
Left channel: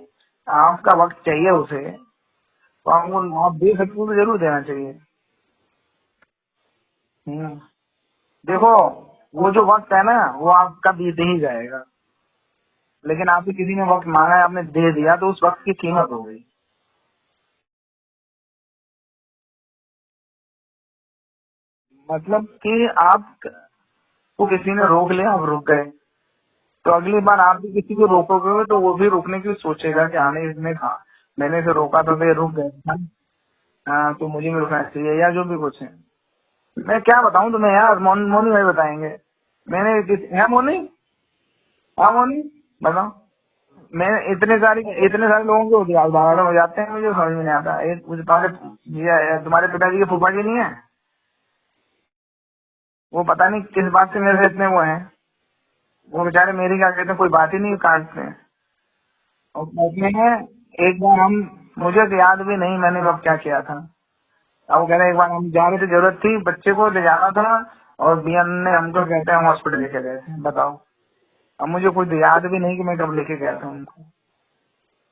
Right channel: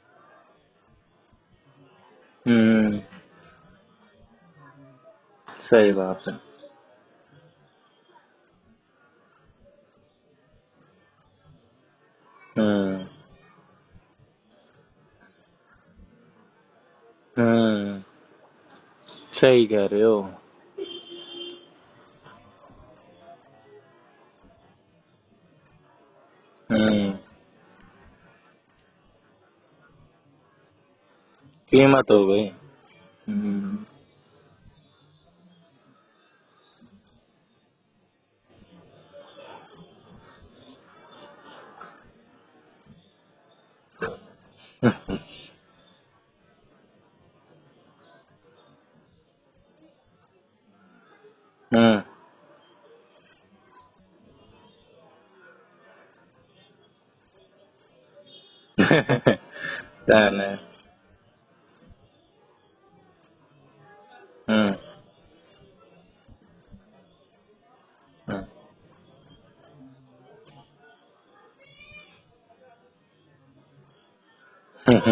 आपका वक्त चाहिए उसे, तो आपको आप दे सकते हो तो जरूर देना चाहिए। सही बात है। देखो वो जो वक्त है ना वो आपका बीते ही जाएगा। लेकिन आपसे किसी ने वक्त मांगा है, आपने दे दिया, तो उस वक्त की कीमत हो गई। सही कह रहे हो। मतलब कि आप को किसी ने रोक लिया, आप रुक गए, तो अगली बार आप भी किसी को रोकोगे तो वो भी रुकने की सोचेगा कि आने इसने कहा, मैंने इसे रोका तो ये रुक गए। हाँ, तो मुझे भी रुकना चाहिए, या जो भी कुछ है। मैं क्या बताऊं तुम्हें यार, मोनी भाई बताएंगे। मैंने है मोनी, हाँ मोनी बताओ। मैं इतने सारे लोगों के उदाहरण हो जाते हैं, मुझे समझ में नहीं आता। तुम्हारे पिताजी के फूफा जी नहीं है, वो पता नहीं किस बात से मेरे से इतने वो हैं, वो बेचारे मेरी क्या कहते हैं, कोई बात ही नहीं काटते हैं। और कहते हैं एक बार मुझे तो याद भी नहीं मैंने कब क्या किया था। अब वो कह रहे एक बार हम जा रहे थे, जरूरत थी, बच्चे को ले जाना था, और बीएन ने हमको कहते हैं हम हॉस्पिटल लेके गए थे। बताओ, अब मुझे कुछ याद भी नहीं कि मैं कब लेके गया था उनको।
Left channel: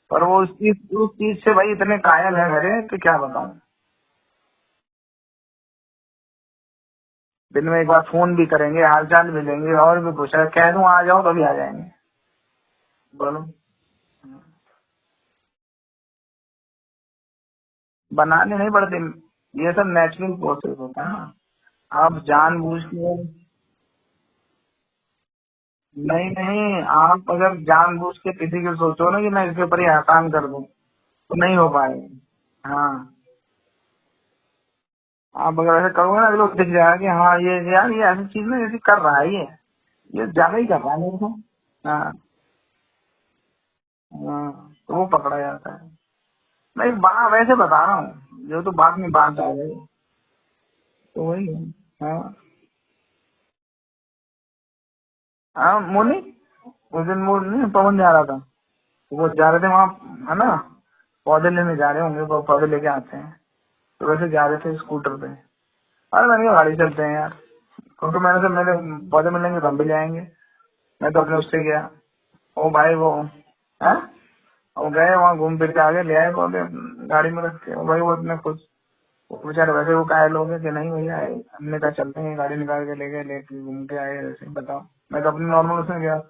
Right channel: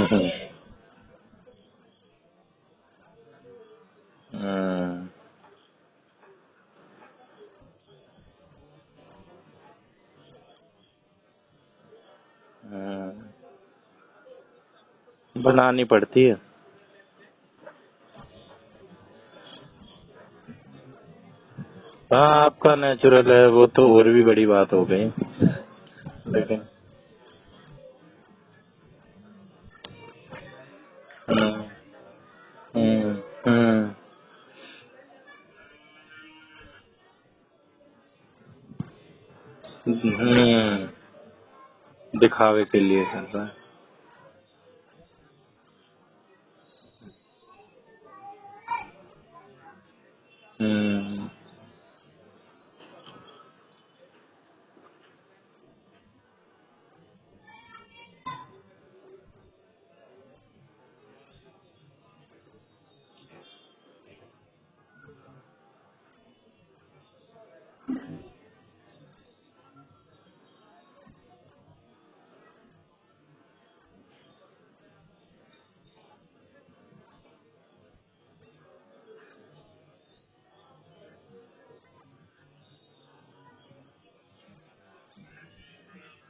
पर वो उस चीज से भाई इतने कायल है मेरे कि क्या बताऊं। दिन में एक बार फोन भी करेंगे, हालचाल भी लेंगे, और भी पूछा, कह दूं आ जाओ तो भी आ जाएंगे। बोलो, बनानी पड़ती है। बनाने नहीं पड़ती, ये सब नेचुरल प्रोसेस होता है ना। आप आपका नेचुरल है वो तो और भी बड़ी बात हो गई। नहीं, आप अगर जानबूझ के किसी को सोचो ना कि मैं इसके ऊपर ही एहसान कर दूं, तो नहीं हो पाएगा। हाँ, आप अगर ऐसा करोगे ना, लोग दिख जाएगा कि हाँ ये यार ये ऐसी चीज ना जैसे कर रहा है, ये क्या नहीं कर रहा है मेरे को। हाँ, दिखावे के लिए कर रहा है। हाँ, तो वो पकड़ा जाता है। मैं बात वैसे बता रहा हूँ, जो तो बात में बात आ गई तो वही है। हाँ, हाँ मोनी, उस दिन वो नहीं पवन जा रहा था, वो जा रहे थे वहाँ, है ना, पौधे लेने जा रहे होंगे, वो पौधे लेके आते हैं, तो वैसे जा रहे थे स्कूटर पे। अरे मैंने कहा गाड़ी चलते हैं यार, तो मैंने से मेरे पौधे मिलेंगे तो हम भी ले आएंगे। मैं तो अपने उससे गया, ओ भाई वो है, वो गए वहाँ घूम फिर के आगे ले आए पौधे गाड़ी में रख के। भाई वो इतने खुश, बेचारे वैसे वो कायल हो गए कि नहीं भैया हमने कहा चलते हैं, गाड़ी निकाल के ले गए, लेके घूम के आए। ऐसे बताओ, मैं तो अपने नॉर्मल उसमें गया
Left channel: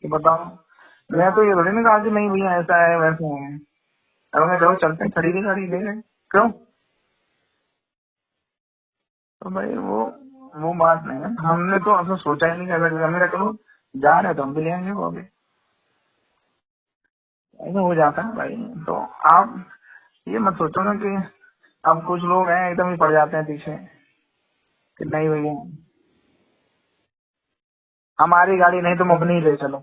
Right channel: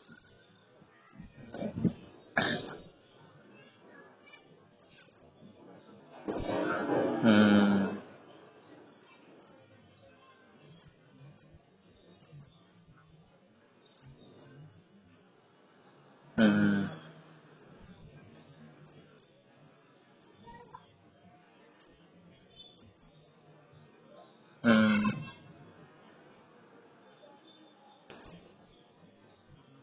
कि बताओ, मैं तो ये थोड़ी ना कहा कि नहीं भैया ऐसा है वैसा है। अब मैं चलो चलते हैं, खड़ी की गाड़ी ले गए, क्यों। तो भाई वो बात नहीं है। हमने तो ऐसा सोचा ही नहीं, अगर हमने कहा चलो जा रहे तो हम भी ले आएंगे वो भी, ऐसा हो जाता है भाई। तो आप ये मत सोचो ना कि अब कुछ लोग हैं एकदम ही पड़ जाते हैं पीछे, नहीं भैया हमारी गाड़ी नहीं तुम अपनी ही ले चलो,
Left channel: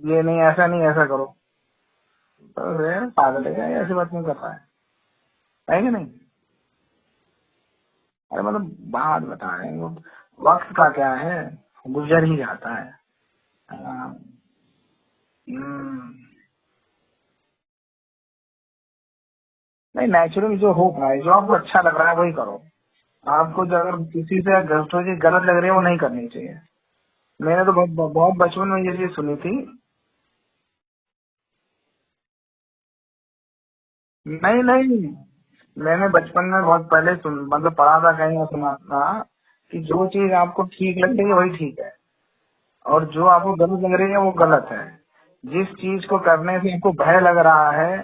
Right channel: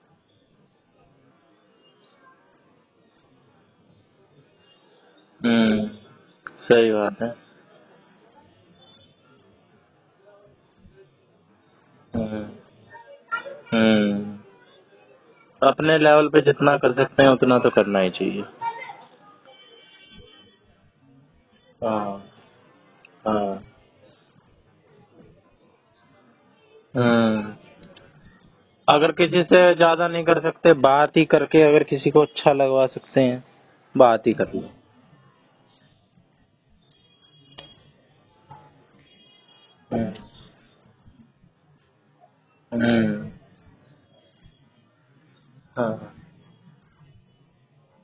ये नहीं ऐसा नहीं ऐसा करो, तो पागल है क्या, ऐसी बात नहीं करता है कि नहीं। सही बात है। अरे मतलब बात बता रहे हैं, वो वक्त का क्या है, गुजर ही जाता है। अपने लेवल पे जितना कर सकते हैं उतना तो करना ही चाहिए। नहीं, नेचुरल जो हो पाए, जो आपको अच्छा लग रहा है वही करो। आपको जो अगर किसी से गलत लग रही है वो नहीं करनी चाहिए। मैंने तो बहुत बचपन में ये अगर किसी से ज्यादा नहीं कर सकते, बात ही करके अगर किसी को अच्छा लगवा सकते हैं, बात ही कर। नहीं, मैंने बचपन में बहुत पहले मतलब पढ़ा था कहीं, सुना था कि जो चीज आपको ठीक लग रही है वही ठीक है, और जो आपको गलत लग रही है वो गलत है। जिस हाँ। चीज को करने से आपको भय लग रहा है,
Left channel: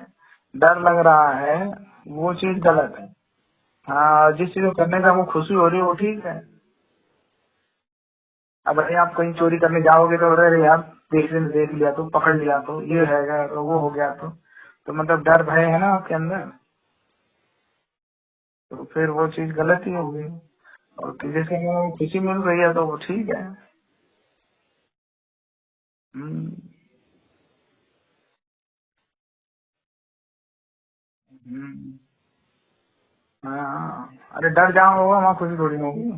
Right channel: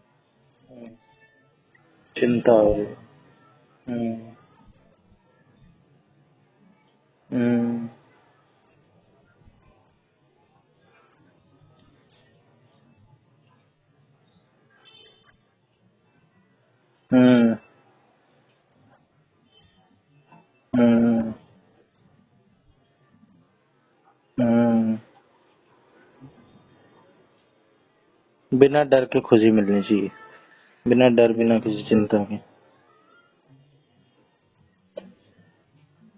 डर लग रहा है, वो चिंता चीज हो गलत है। हाँ, हम्म जिस चीज को करने से आपको खुशी हो रही है वो ठीक है। हम्म अब अरे आप कहीं चोरी करने जाओगे तो अरे यार देख लिया तो, पकड़ लिया तो, ये है तो, वो हो गया तो मतलब डर भय है ना आपके अंदर, हम्म तो फिर वो चीज गलत ही होगी। और हम्म जिसके अंदर खुशी मिल रही है तो वो ठीक है। हम्म हम्म, बिना डर के खुशी मिलनी चाहिए, बिना डर बिना किसी चिंता के। हाँ, अरे डर जहाँ होगा वहाँ खुशी थोड़ी ना होगी।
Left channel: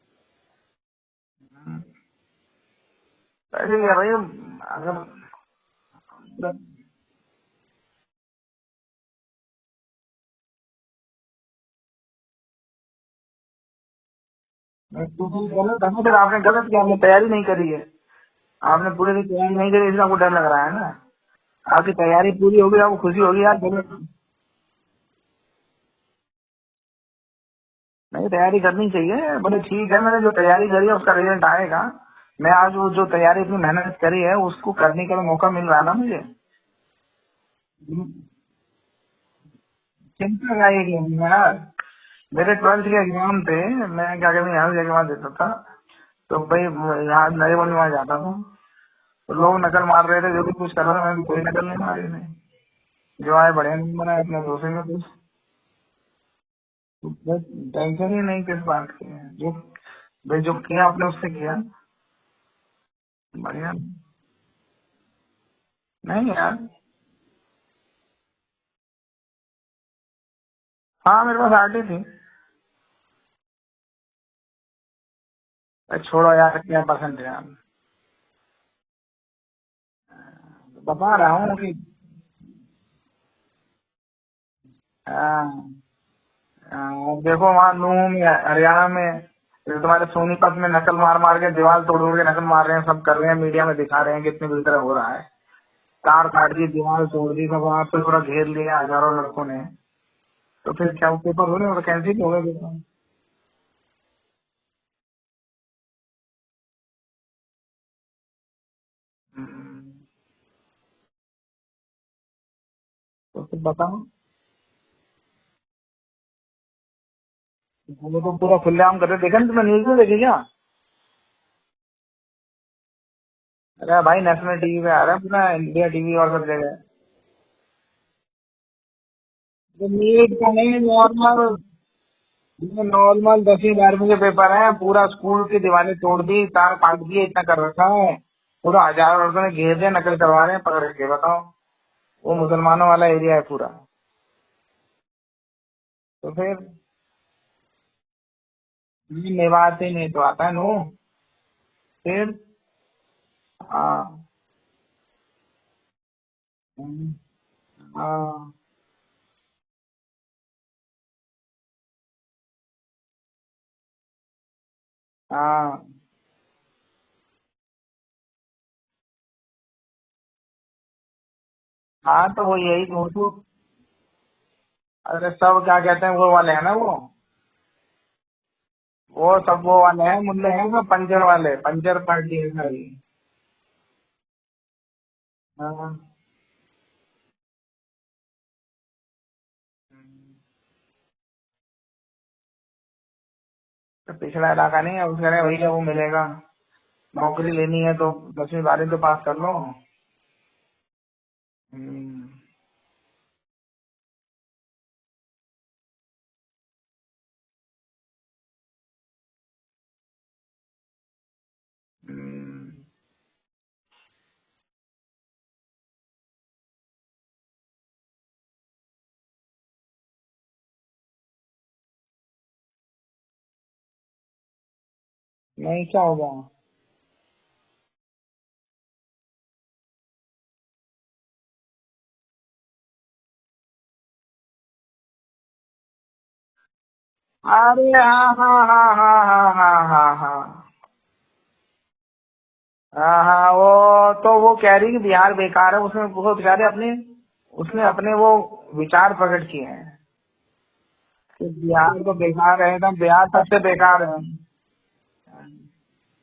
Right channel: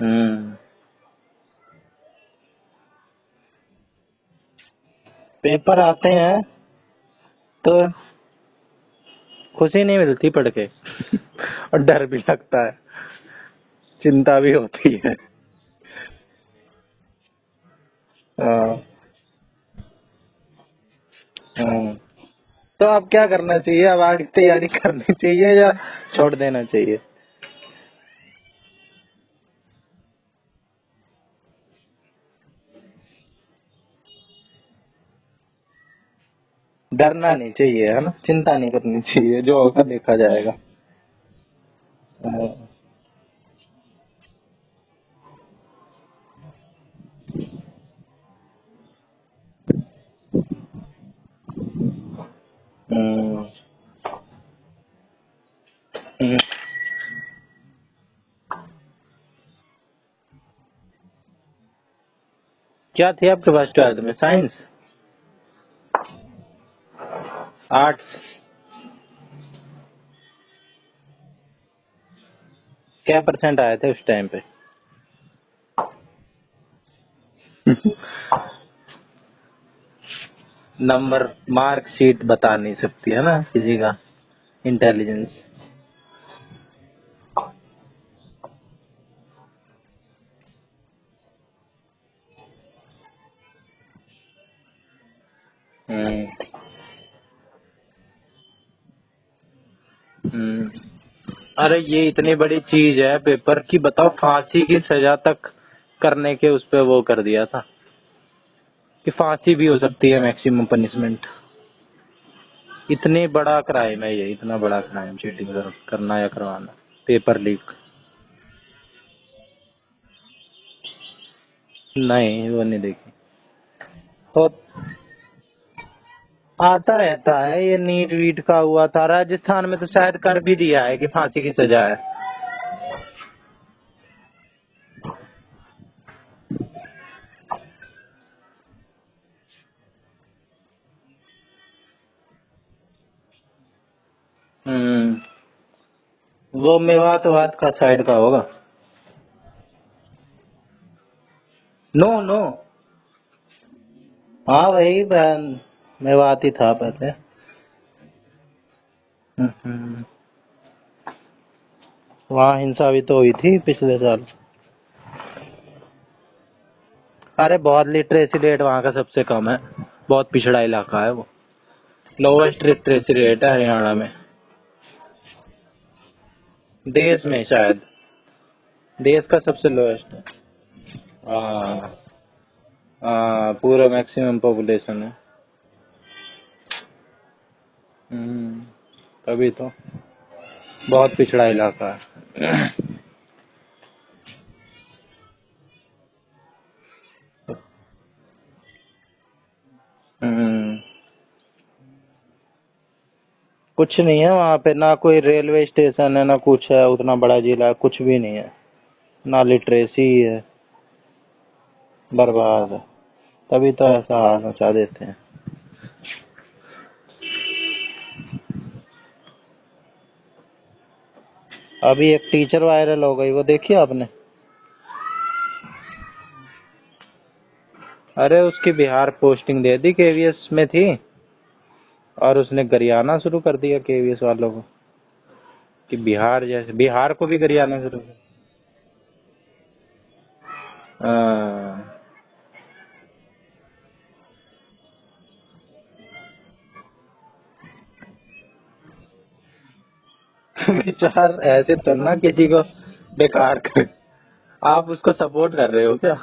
हम्म ऐसे ही है भाई, अगर पेपर आते हैं तो खुशी नहीं मिलती पढ़ के और डर भी लगता है, चिंता भी होती है। गलत है, फिर आपने गलत किया, आपने तैयारी नहीं करी है, हाँ, आपने पूरे दिन तैयारी नहीं करी इसलिए आपको डर लग रहा है ना। आपकी हाँ। तैयारी पूरी होगी तो आपको अब खुशी क्या होगी करना यार चाहिए, अब आगे तैयारी करनी चाहिए या छोड़ देना चाहिए? नहीं, तैयारी करनी चाहिए, बोले ठीक है, मैंने जो तैयारी करी है उसका रिजल्ट आएगा। मैं आज वो जो तैयारी इतनी मेहनत करी है उसको करने का मौका मिल रहा है ना मुझे। डरना नहीं चाहिए, है ना, चिंता नहीं करनी चाहिए, जो होगा देखा जाएगा। यार हाँ, मेरे 12th के एग्जाम थे, मैं क्या कहते हैं यहाँ जाके वहाँ देता था, तो भाई यहाँ नए बनी वहाँ जाता था, तो लोग नकल मार रहे थे, जो भी कुछ कर रहा था, मैंने कोई नकल नहीं मारी थी। जो हम्म, आए बढ़िया नंबर आए, अपने दूसरे में कुछ हम्म। टेंशन ही नहीं किस बात की है। जो भाई जो किया आपने उससे किया। क्या थी आपके पास 12th में, साइंस, नहीं यार, आर्ट्स? हाँ मेरे पास आर्ट ही थी। क्या परसेंट आए थे उस टाइम पे? छोड़ो यार, क्या पसंद है यार, बता नंबर रहा हूँ अभी। मार्कशीट बता नहीं सकती है ना किसी का इंटेलिजेंस। देखो वहाँ नूह में, हरियाणा में, जो तुम्हारे सोनीपत में नकल मार मार के दीवार तोड़ तोड़ के नकल मार रहे हैं, सब कर रहे हैं, मीडिया में दिखा रहे हैं कितनी बुरी तरह हो रहा है। कार काट दी, दीवार तोड़ दी, सब वहाँ पे पूरा घेर लिया हजारों लड़कों ने। हम्म। तो फिर क्या वो पेपर हो रहे अरे हैं, ये कैंसिल हो इतनी रहे बड़ी पेपर। चीज है पेपर की, बताओ, फांसी की सजा तक करने के उस पे वो कर दिया था कि फांसी भी हो सकती है मैक्सिमम पनिशमेंट। इतनी तो बड़ा बताओ, क्राइम है ये, इतना बड़ा क्राइम, चीटिंग करना या करवाना, पेपर लीक। वो तो पूरा खुलेआम कर रहे, देखा ना तुमने, न्यूज में देखी क्या? नहीं, वो नहीं देखी। अरे भाई नेशनल होता टीवी पे आ रहा है, पूरा इंडिया टीवी और सब जगह। आता रहता है ये, नीट वीट का हुआ था, राजस्थान में तो शायद नीट कर का भी नहीं, दिया है कि फांसी की नॉर्मल, सजा है। नॉर्मल 10वीं 12वीं के पेपर है, पूरा स्कूल की दीवारें तोड़ दी, तार काट दिए, इतना कर रखा है, पूरा हजारों लड़कों ने घेर दिया, नकल करवा रहे हैं पकड़ के, बताओ। वो मुसलमानों वाला एरिया है पूरा। हम्म। तो फिर वो मेवात का साइड का होगा। ये मेवात ही नहीं तो आता है नो। नो फिर नो। हाँ, हाँ वही बहन, मेवात ही था पहले। हाँ, हम्म। वहाँ हिंसा भी तो हुई थी पिछले साल। हाँ, अरे बहुत लिटरेसी रेट वहाँ का सबसे कम है, बहुत पिछड़ा इलाका है वो। हाँ, तो वो लोवेस्ट यही तो लिटरेसी रेट है हरियाणा में, अरे सब क्या कहते हैं वो वाले है ना वो देश में शायद, देश वो का सब सबसे वो वाले लोवेस्ट। हैं, मुल्ले हैं सब पंचर वाले, हाँ, पंचर पार्टी है सारी। हाँ, पूरा मैक्सिमम पॉपुलेशन है। हाँ, हम्म, तभी तो बहुत पिछड़ा इलाका है। तो पिछड़ा इलाका नहीं है, उसके लिए भैया वो मिलेगा, नौकरी लेनी है तो 10वीं 12वीं तो पास कर लो। हम्म, हम्म, कुछ नहीं है वहाँ पे, ना कोई रेलवे स्टेशन है, ना कुछ है, उतना बड़ा जिला है, कुछ भी नहीं है, ना लिटरेसी है, बर्बाद है। तभी तो ऐसा हाल मचा देते हैं। अभी एक टीचर वायरल हो गई, वो देखी आपने? नहीं क्या होगा? अरे उसकी बिहार पोस्टिंग दे दी, केवीएस में थी, और उसने गरियाना शुरू कर दिया केवीएस वालों को कि बिहार जैसे, बिहार को भी गरियाना अरे शुरू। हाँ, हाँ, हाँ, हाँ, हाँ, हाँ, हाँ, हाँ, हाँ। हाँ, हाँ, वो तो वो कह रही कि बिहार बेकार है, उसमें वो बेचारे अपने, उसने अपने वो विचार प्रकट किए हैं विचार कि ऐसे बिहार थोड़ा तो ना किसी बेकार को है, एकदम बिहार सबसे बेकार बेकार है। आप उसको सपोर्ट कर रहे हो क्या?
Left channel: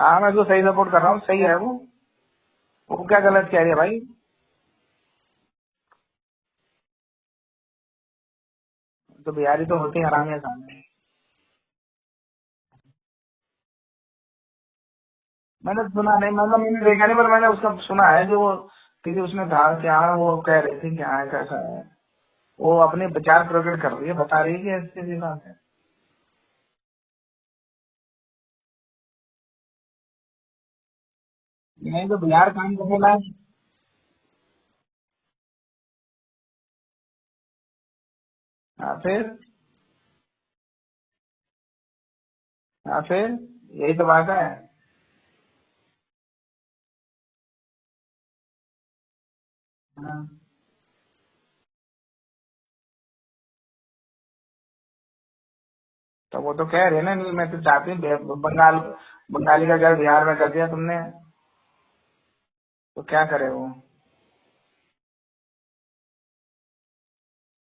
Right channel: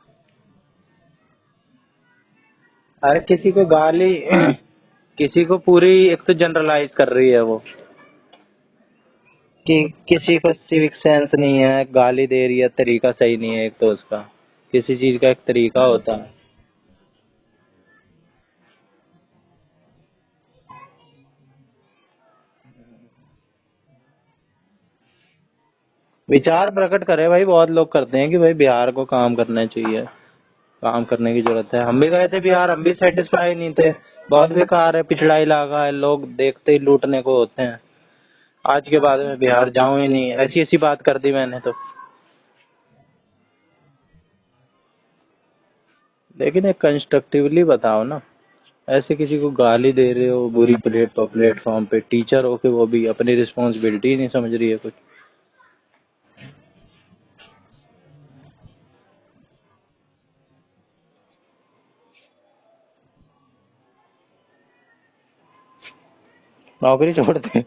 हाँ मैं तो सही सपोर्ट कर रहा हूँ, सही है वो। वो अरे क्या गलत किसी कह को रही है भाई? गाली किसी को पूरी एक तो जनरलाइज कर रही है वो तो बिहारी तो कि होते हैं किसी हरामी। को सिविक सेंस नहीं है, गाली दे रही है, तरीका सही नहीं है एक तो उसका, किसी चीज का एक तरीका मैंने होता सुना है। नहीं, मतलब मैंने देखा नहीं, पर मैंने उसका सुना है जो वो किसी उसमें था क्या, वो कह रही थी क्या है कैसा है, वो अपने विचार प्रकट कर रही है, बता रही है कि ऐसी ऐसी बात है। विचार प्रकट करे भाई, बहुत लोग करते हैं कि भाई बिहार को काम करना चाहिए, काम करने की जरूरत है। हम भी नहीं, तो गए थे बिहार बिहार, में हम भी बोला है। सेटिस्फाई नहीं थे, बहुत बेकार है, पिछड़ा इलाका है, लोग देखते ही लूटने को होते हैं। आज हाँ, के बाद फिर में बिहार जाऊं ही नहीं, ऐसी ऐसी बात कर दी मैंने तो। हाँ, फिर यही तो बात है। लेकिन एक कंस्ट्रक्टिवली बताओ ना, ऐसे किसी को गाली दे रहे हो बुरी प्लेटफॉर्म पे, टीचर हो के वो भी अपनी रिस्पॉन्सिबिलिटी नहीं समझ रही है कुछ। तो वो तो कह रहे हैं ना, नहीं मैं तो चाहती हूँ बंगाल, बंगाली का घर बिहार में कर दिया तुमने, तो क्या करे वो। नौकरी छोड़ दे,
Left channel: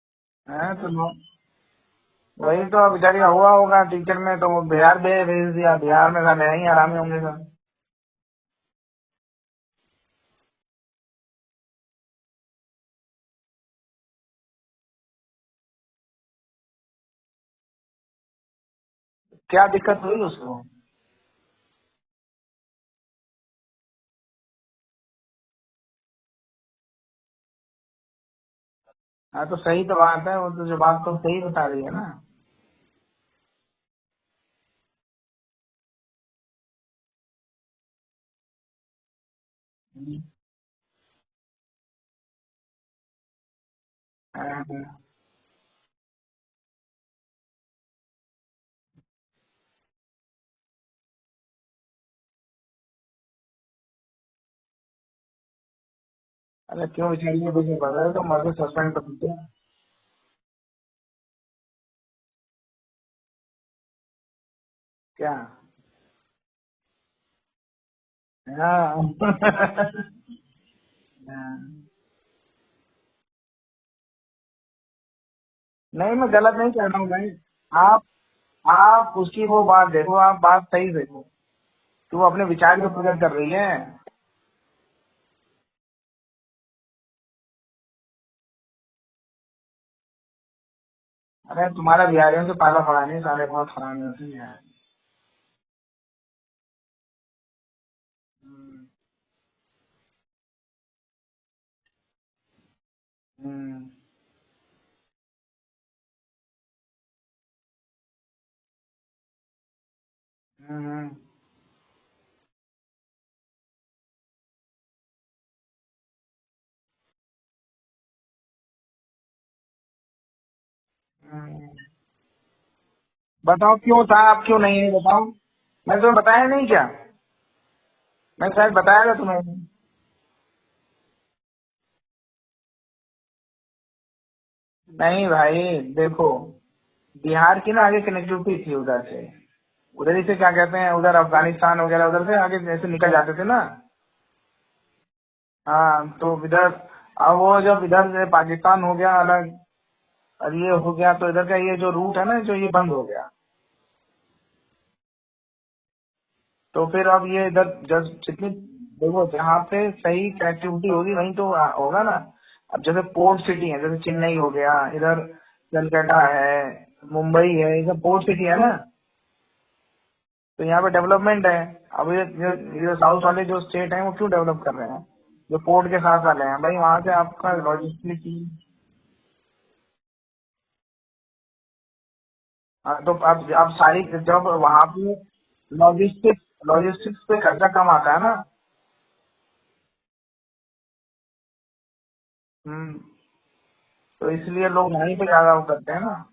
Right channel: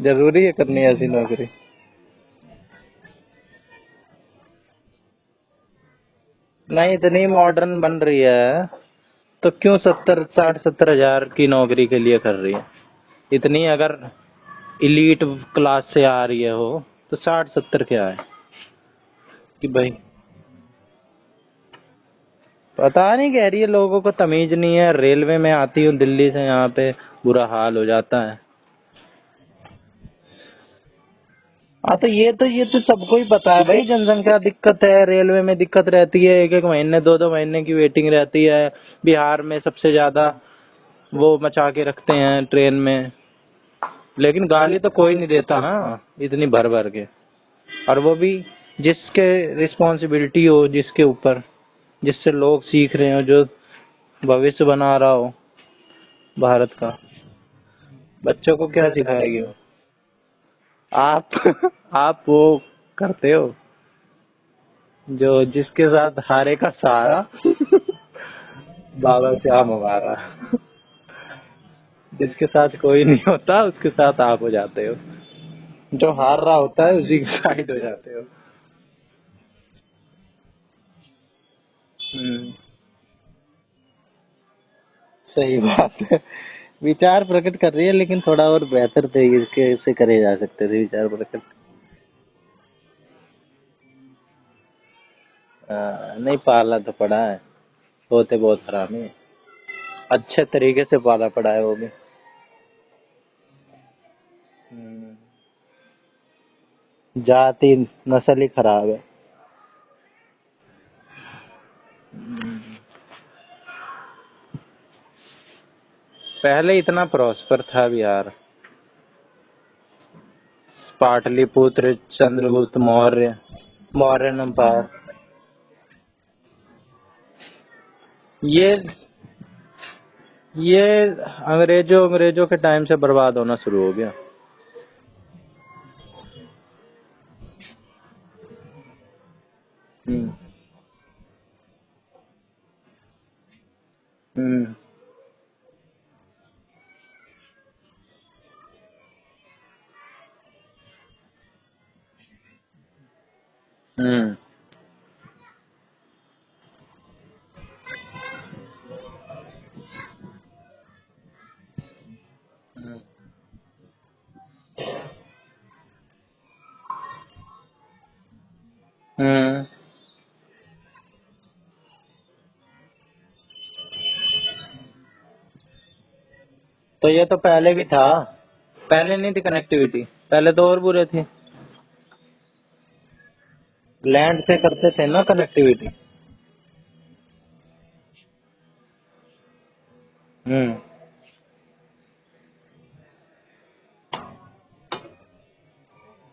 जरूरी है हाँ, करनी ऐसी तो नौकरी। वही तो बेचारी का हुआ होगा टीचर में, तो वो बिहार भेज दिया, बिहार में था नहीं नहीं, हरामियों के इतनी साथ। मॉडर्न बन रही है तो क्यों 70-60-70 हजार की नौकरी के लिए कर रही है। इतनी अगर इलीट क्लास से आ रही है हो तो 60-70 क्या है क्या कि भाई। दिक्कत हुई उसको? पता नहीं, कह रही है लोगों को तमीज नहीं है, रेलवे में आती हूँ दिल्ली से, यहाँ पे बुरा हाल हो जाता है। हाँ, तो सही तो बात है, वो तो जो बात तो सही बता रही है हाँ, ना। तो ये तो सबको ही पता है भाई, जनसंख्या दिक्कत है, रेलवे में दिक्कत रहती है, 1-1 महीने 2-2 महीने की वेटिंग रहती है। बिहार में सबसे ज्यादा वो मचा के रखते हैं ट्रेन में, लेकिन गाली तो कोई नहीं देता ना इतनी भर भर के। और वो भी जिसके रिस्पॉन्सिबिलिटी हो, जिसके ऊपर, जिससे लोग सीख रहे हो, जो भविष्य बना रहा हो भारत अरे का, क्यों बेचारी को कुछ नहीं पता है, तो बच्चों को सबका क्या ही सिखाएगी बताएगी। वो। आप आप वो करते हो जो क्या? जिसके साथ हारे का सहारा हाँ। बाबा श्याम हमारा, जिसके साथ कोई नहीं होता उसके साथ आप हो जाते हो, जो नहीं, मैं हार रहा गलत नहीं होता कह है रहा हूँ उसी भाई। की साइड हो आप जाते हो। आप उसकी वो बात देखो, आप बात सही देखो, तू अपने हम्म, विचार को प्रकट कर रही है। सही बात है, विचार प्रकट कर रही है, लेकिन थोड़ा और बेहतर तरीके से करे जा सकते थे विचार प्रकट। अरे तुम्हारा बिहारियों से पाला पड़ा नहीं, सारे बहुत हरामी होती है। नहीं, पाला तो पड़ा है, होते बहुत हरामी है, अच्छे तरीके से पाला पड़ा है वो भी। हम्म। हम्म, जाति नस्ल ही खराब है। हम्म। पहले इतना प्रॉस्पर था बिहार, पाटलिपुत्र, चंद्रगुप्त मौर्य, बताओ क्यों था, फ्लोरियन आप क्यों नहीं एम्पायर। है बताओ। मैं तुम्हें बताया नहीं क्या? मैं शायद ये बताया था तुम्हें। ये अंग्रेजों के टाइम से बर्बाद होना शुरू हो गया। नहीं भाई देखो, बिहार की ना आगे कनेक्टिविटी थी उधर से, उधर ही हम्म से क्या कहते हैं, उधर अफगानिस्तान वगैरह उधर से आगे जैसे निकल जाते थे ना। हम्म हाँ, तो इधर अब वो जब इधर से पाकिस्तान हो गया अलग, और ये हो गया, तो इधर का ये जो रूट है ना, जो ये बंद हो गया। हम्म तो फिर अब ये इधर जब जितनी देखो जहाँ पे सही कनेक्टिविटी होगी वहीं तो होगा ना। अब जैसे पोर्ट सिटी है, जैसे चेन्नई हो गया, इधर कलकत्ता है, मुंबई है, ये सब पोर्ट सिटी है ना। हम्म तो यहाँ पे डेवलपमेंट है। अब ये साउथ वाले जो स्टेट हैं वो क्यों डेवलप कर रहे हैं, जो पोर्ट के साथ वाले हैं भाई, वहाँ तो से ये तो आपका पहले भी था, लॉजिस्टिक। पहले नहीं थी कनेक्टिविटी, पहले तो और बुरे थे, तो अब सारी लैंड चीजों से पर वहाँ करते थे भी ना कनेक्टिविटी। लॉजिस्टिक्स पे खर्चा कम आता है ना। हम्म हम्म। तो इसलिए लोग वहीं पे ज्यादा वो करते हैं ना,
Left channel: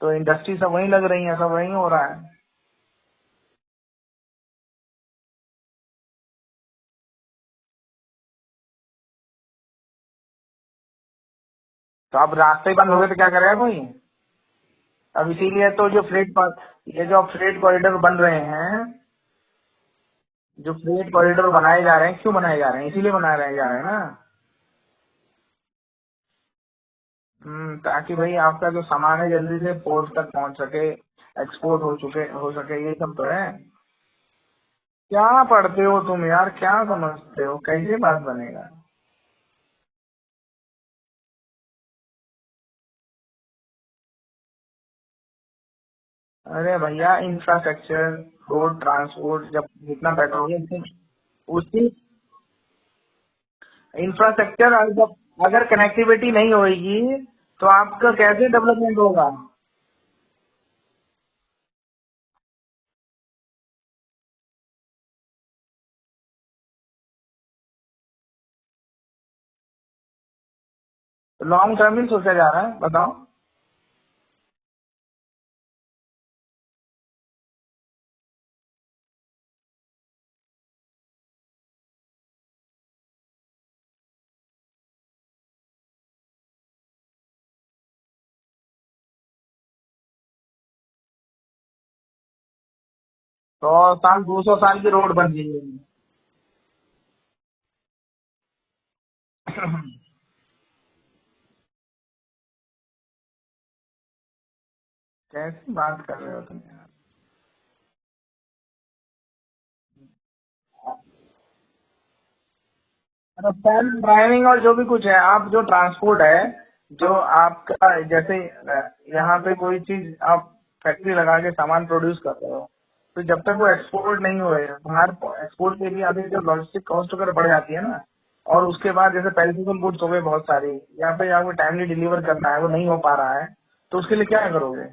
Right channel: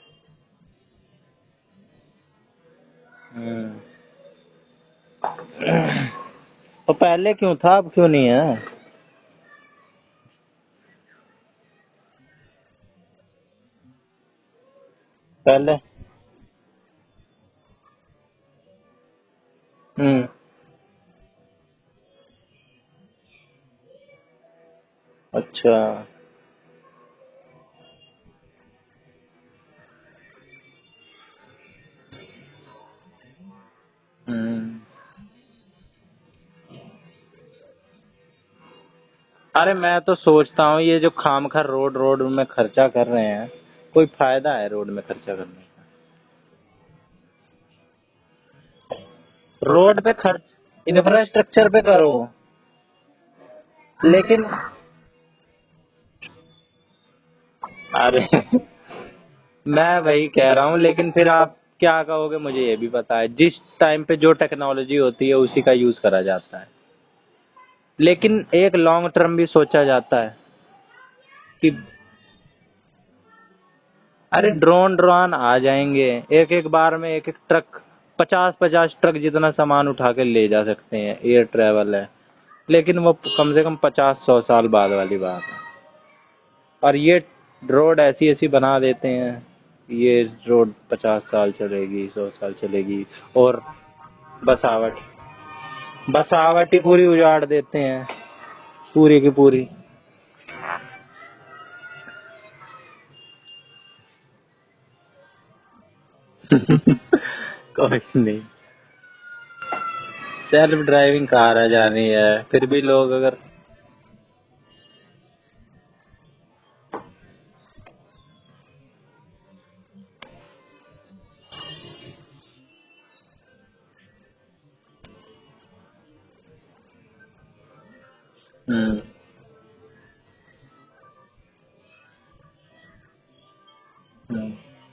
तो इंडस्ट्री सब वहीं लग रही है, सब वहीं हो रहा है। हम्म तो पहले क्यों था, अब क्यों नहीं है। तो अब रास्ते ही बंद हो गए तो क्या करेगा कोई। अब इसीलिए पहले तो जो ये जो फ्रेट कॉरिडोर बन रहे हैं, हम्म जो फ्रेट कॉरिडोर बनाए जा रहे हैं, क्यों बनाए जा रहे हैं, इसीलिए बनाए जा रहे हैं ना। अच्छा। ताकि भाई आपका जो सामान है जल्दी से पोर्ट तक पहुंच सके, एक्सपोर्ट हो सके, ये सब तो है। हम्म क्या पढ़ते हो तुम यार, क्या समझते हो, कैसे बात बनेगा? अरे मैं तो सोचता हूँ ये जो खामखा रोड रोड में खर्चा कर रहे हैं, कोई फायदा है रोड में खर्चा करने अरे भैया इंफ्रास्ट्रक्चर, रोड ट्रांसपोर्ट, का? जब रोड इतना पे पेट्रोलियम से इंफ्रास्ट्रक्चर पे उसकी करो, लेकिन इंफ्रास्ट्रक्चर जब अगर कनेक्टिविटी नहीं होगी तो आपका अरे कैसे डेवलपमेंट होगा? मैं वही कह रहा हूँ, लेकिन फिर आप क्या कहोगे मुझे ये भी पता है, जिस टाइम पे जो टेक्नोलॉजी होती है उसी का यूज करा जाता है, लेकिन एक लॉन्ग टर्म भी सोचा जाता है कि लॉन्ग टर्म ही सोचा जा रहा है, बताओ। अरे ड्रोन ड्रोन आ जाएंगे, एक एक बार में एक एक ट्रक, 50-50 ट्रक जितना सामान उठा के ले जा सकते हैं, एयर ट्रेवल है, लेकिन वो कम से कम 50-100 साल बाद वाली बात है। और ये रोड ऐसी ऐसी बना देते हैं, ये रोड 50 साल चलेगी, 100 साल चलेगी, और 100 साल 200 साल की बसावट रोड बन रही है। बसावट ही पूरी उजाड़ देते हैं, पूरी की पूरी। कैसी बात कर रहे हो तुम? कोई नहीं, सेल्फ ड्राइविंग कार आ जानी है, फिर भी लोग अगर सेल्फ ड्राइविंग और जो भी कुछ है, आप जो ट्रांसपोर्ट है, जो आपका जैसे यहाँ पे कोई चीज आप फैक्ट्री लगा के सामान प्रोड्यूस कर रहे हो, तो जब तक वो एक्सपोर्ट नहीं हुए बाहर, एक्सपोर्ट के लिए अभी जो लॉजिस्टिक कॉस्ट वगैरह बढ़ जाती है ना, और उसके बाद जैसे पेरिसेबल गुड्स हो गए बहुत सारी, यहाँ पे आपको टाइमली डिलीवर करना है, वो नहीं हो पा रहा है, तो उसके लिए क्या करोगे?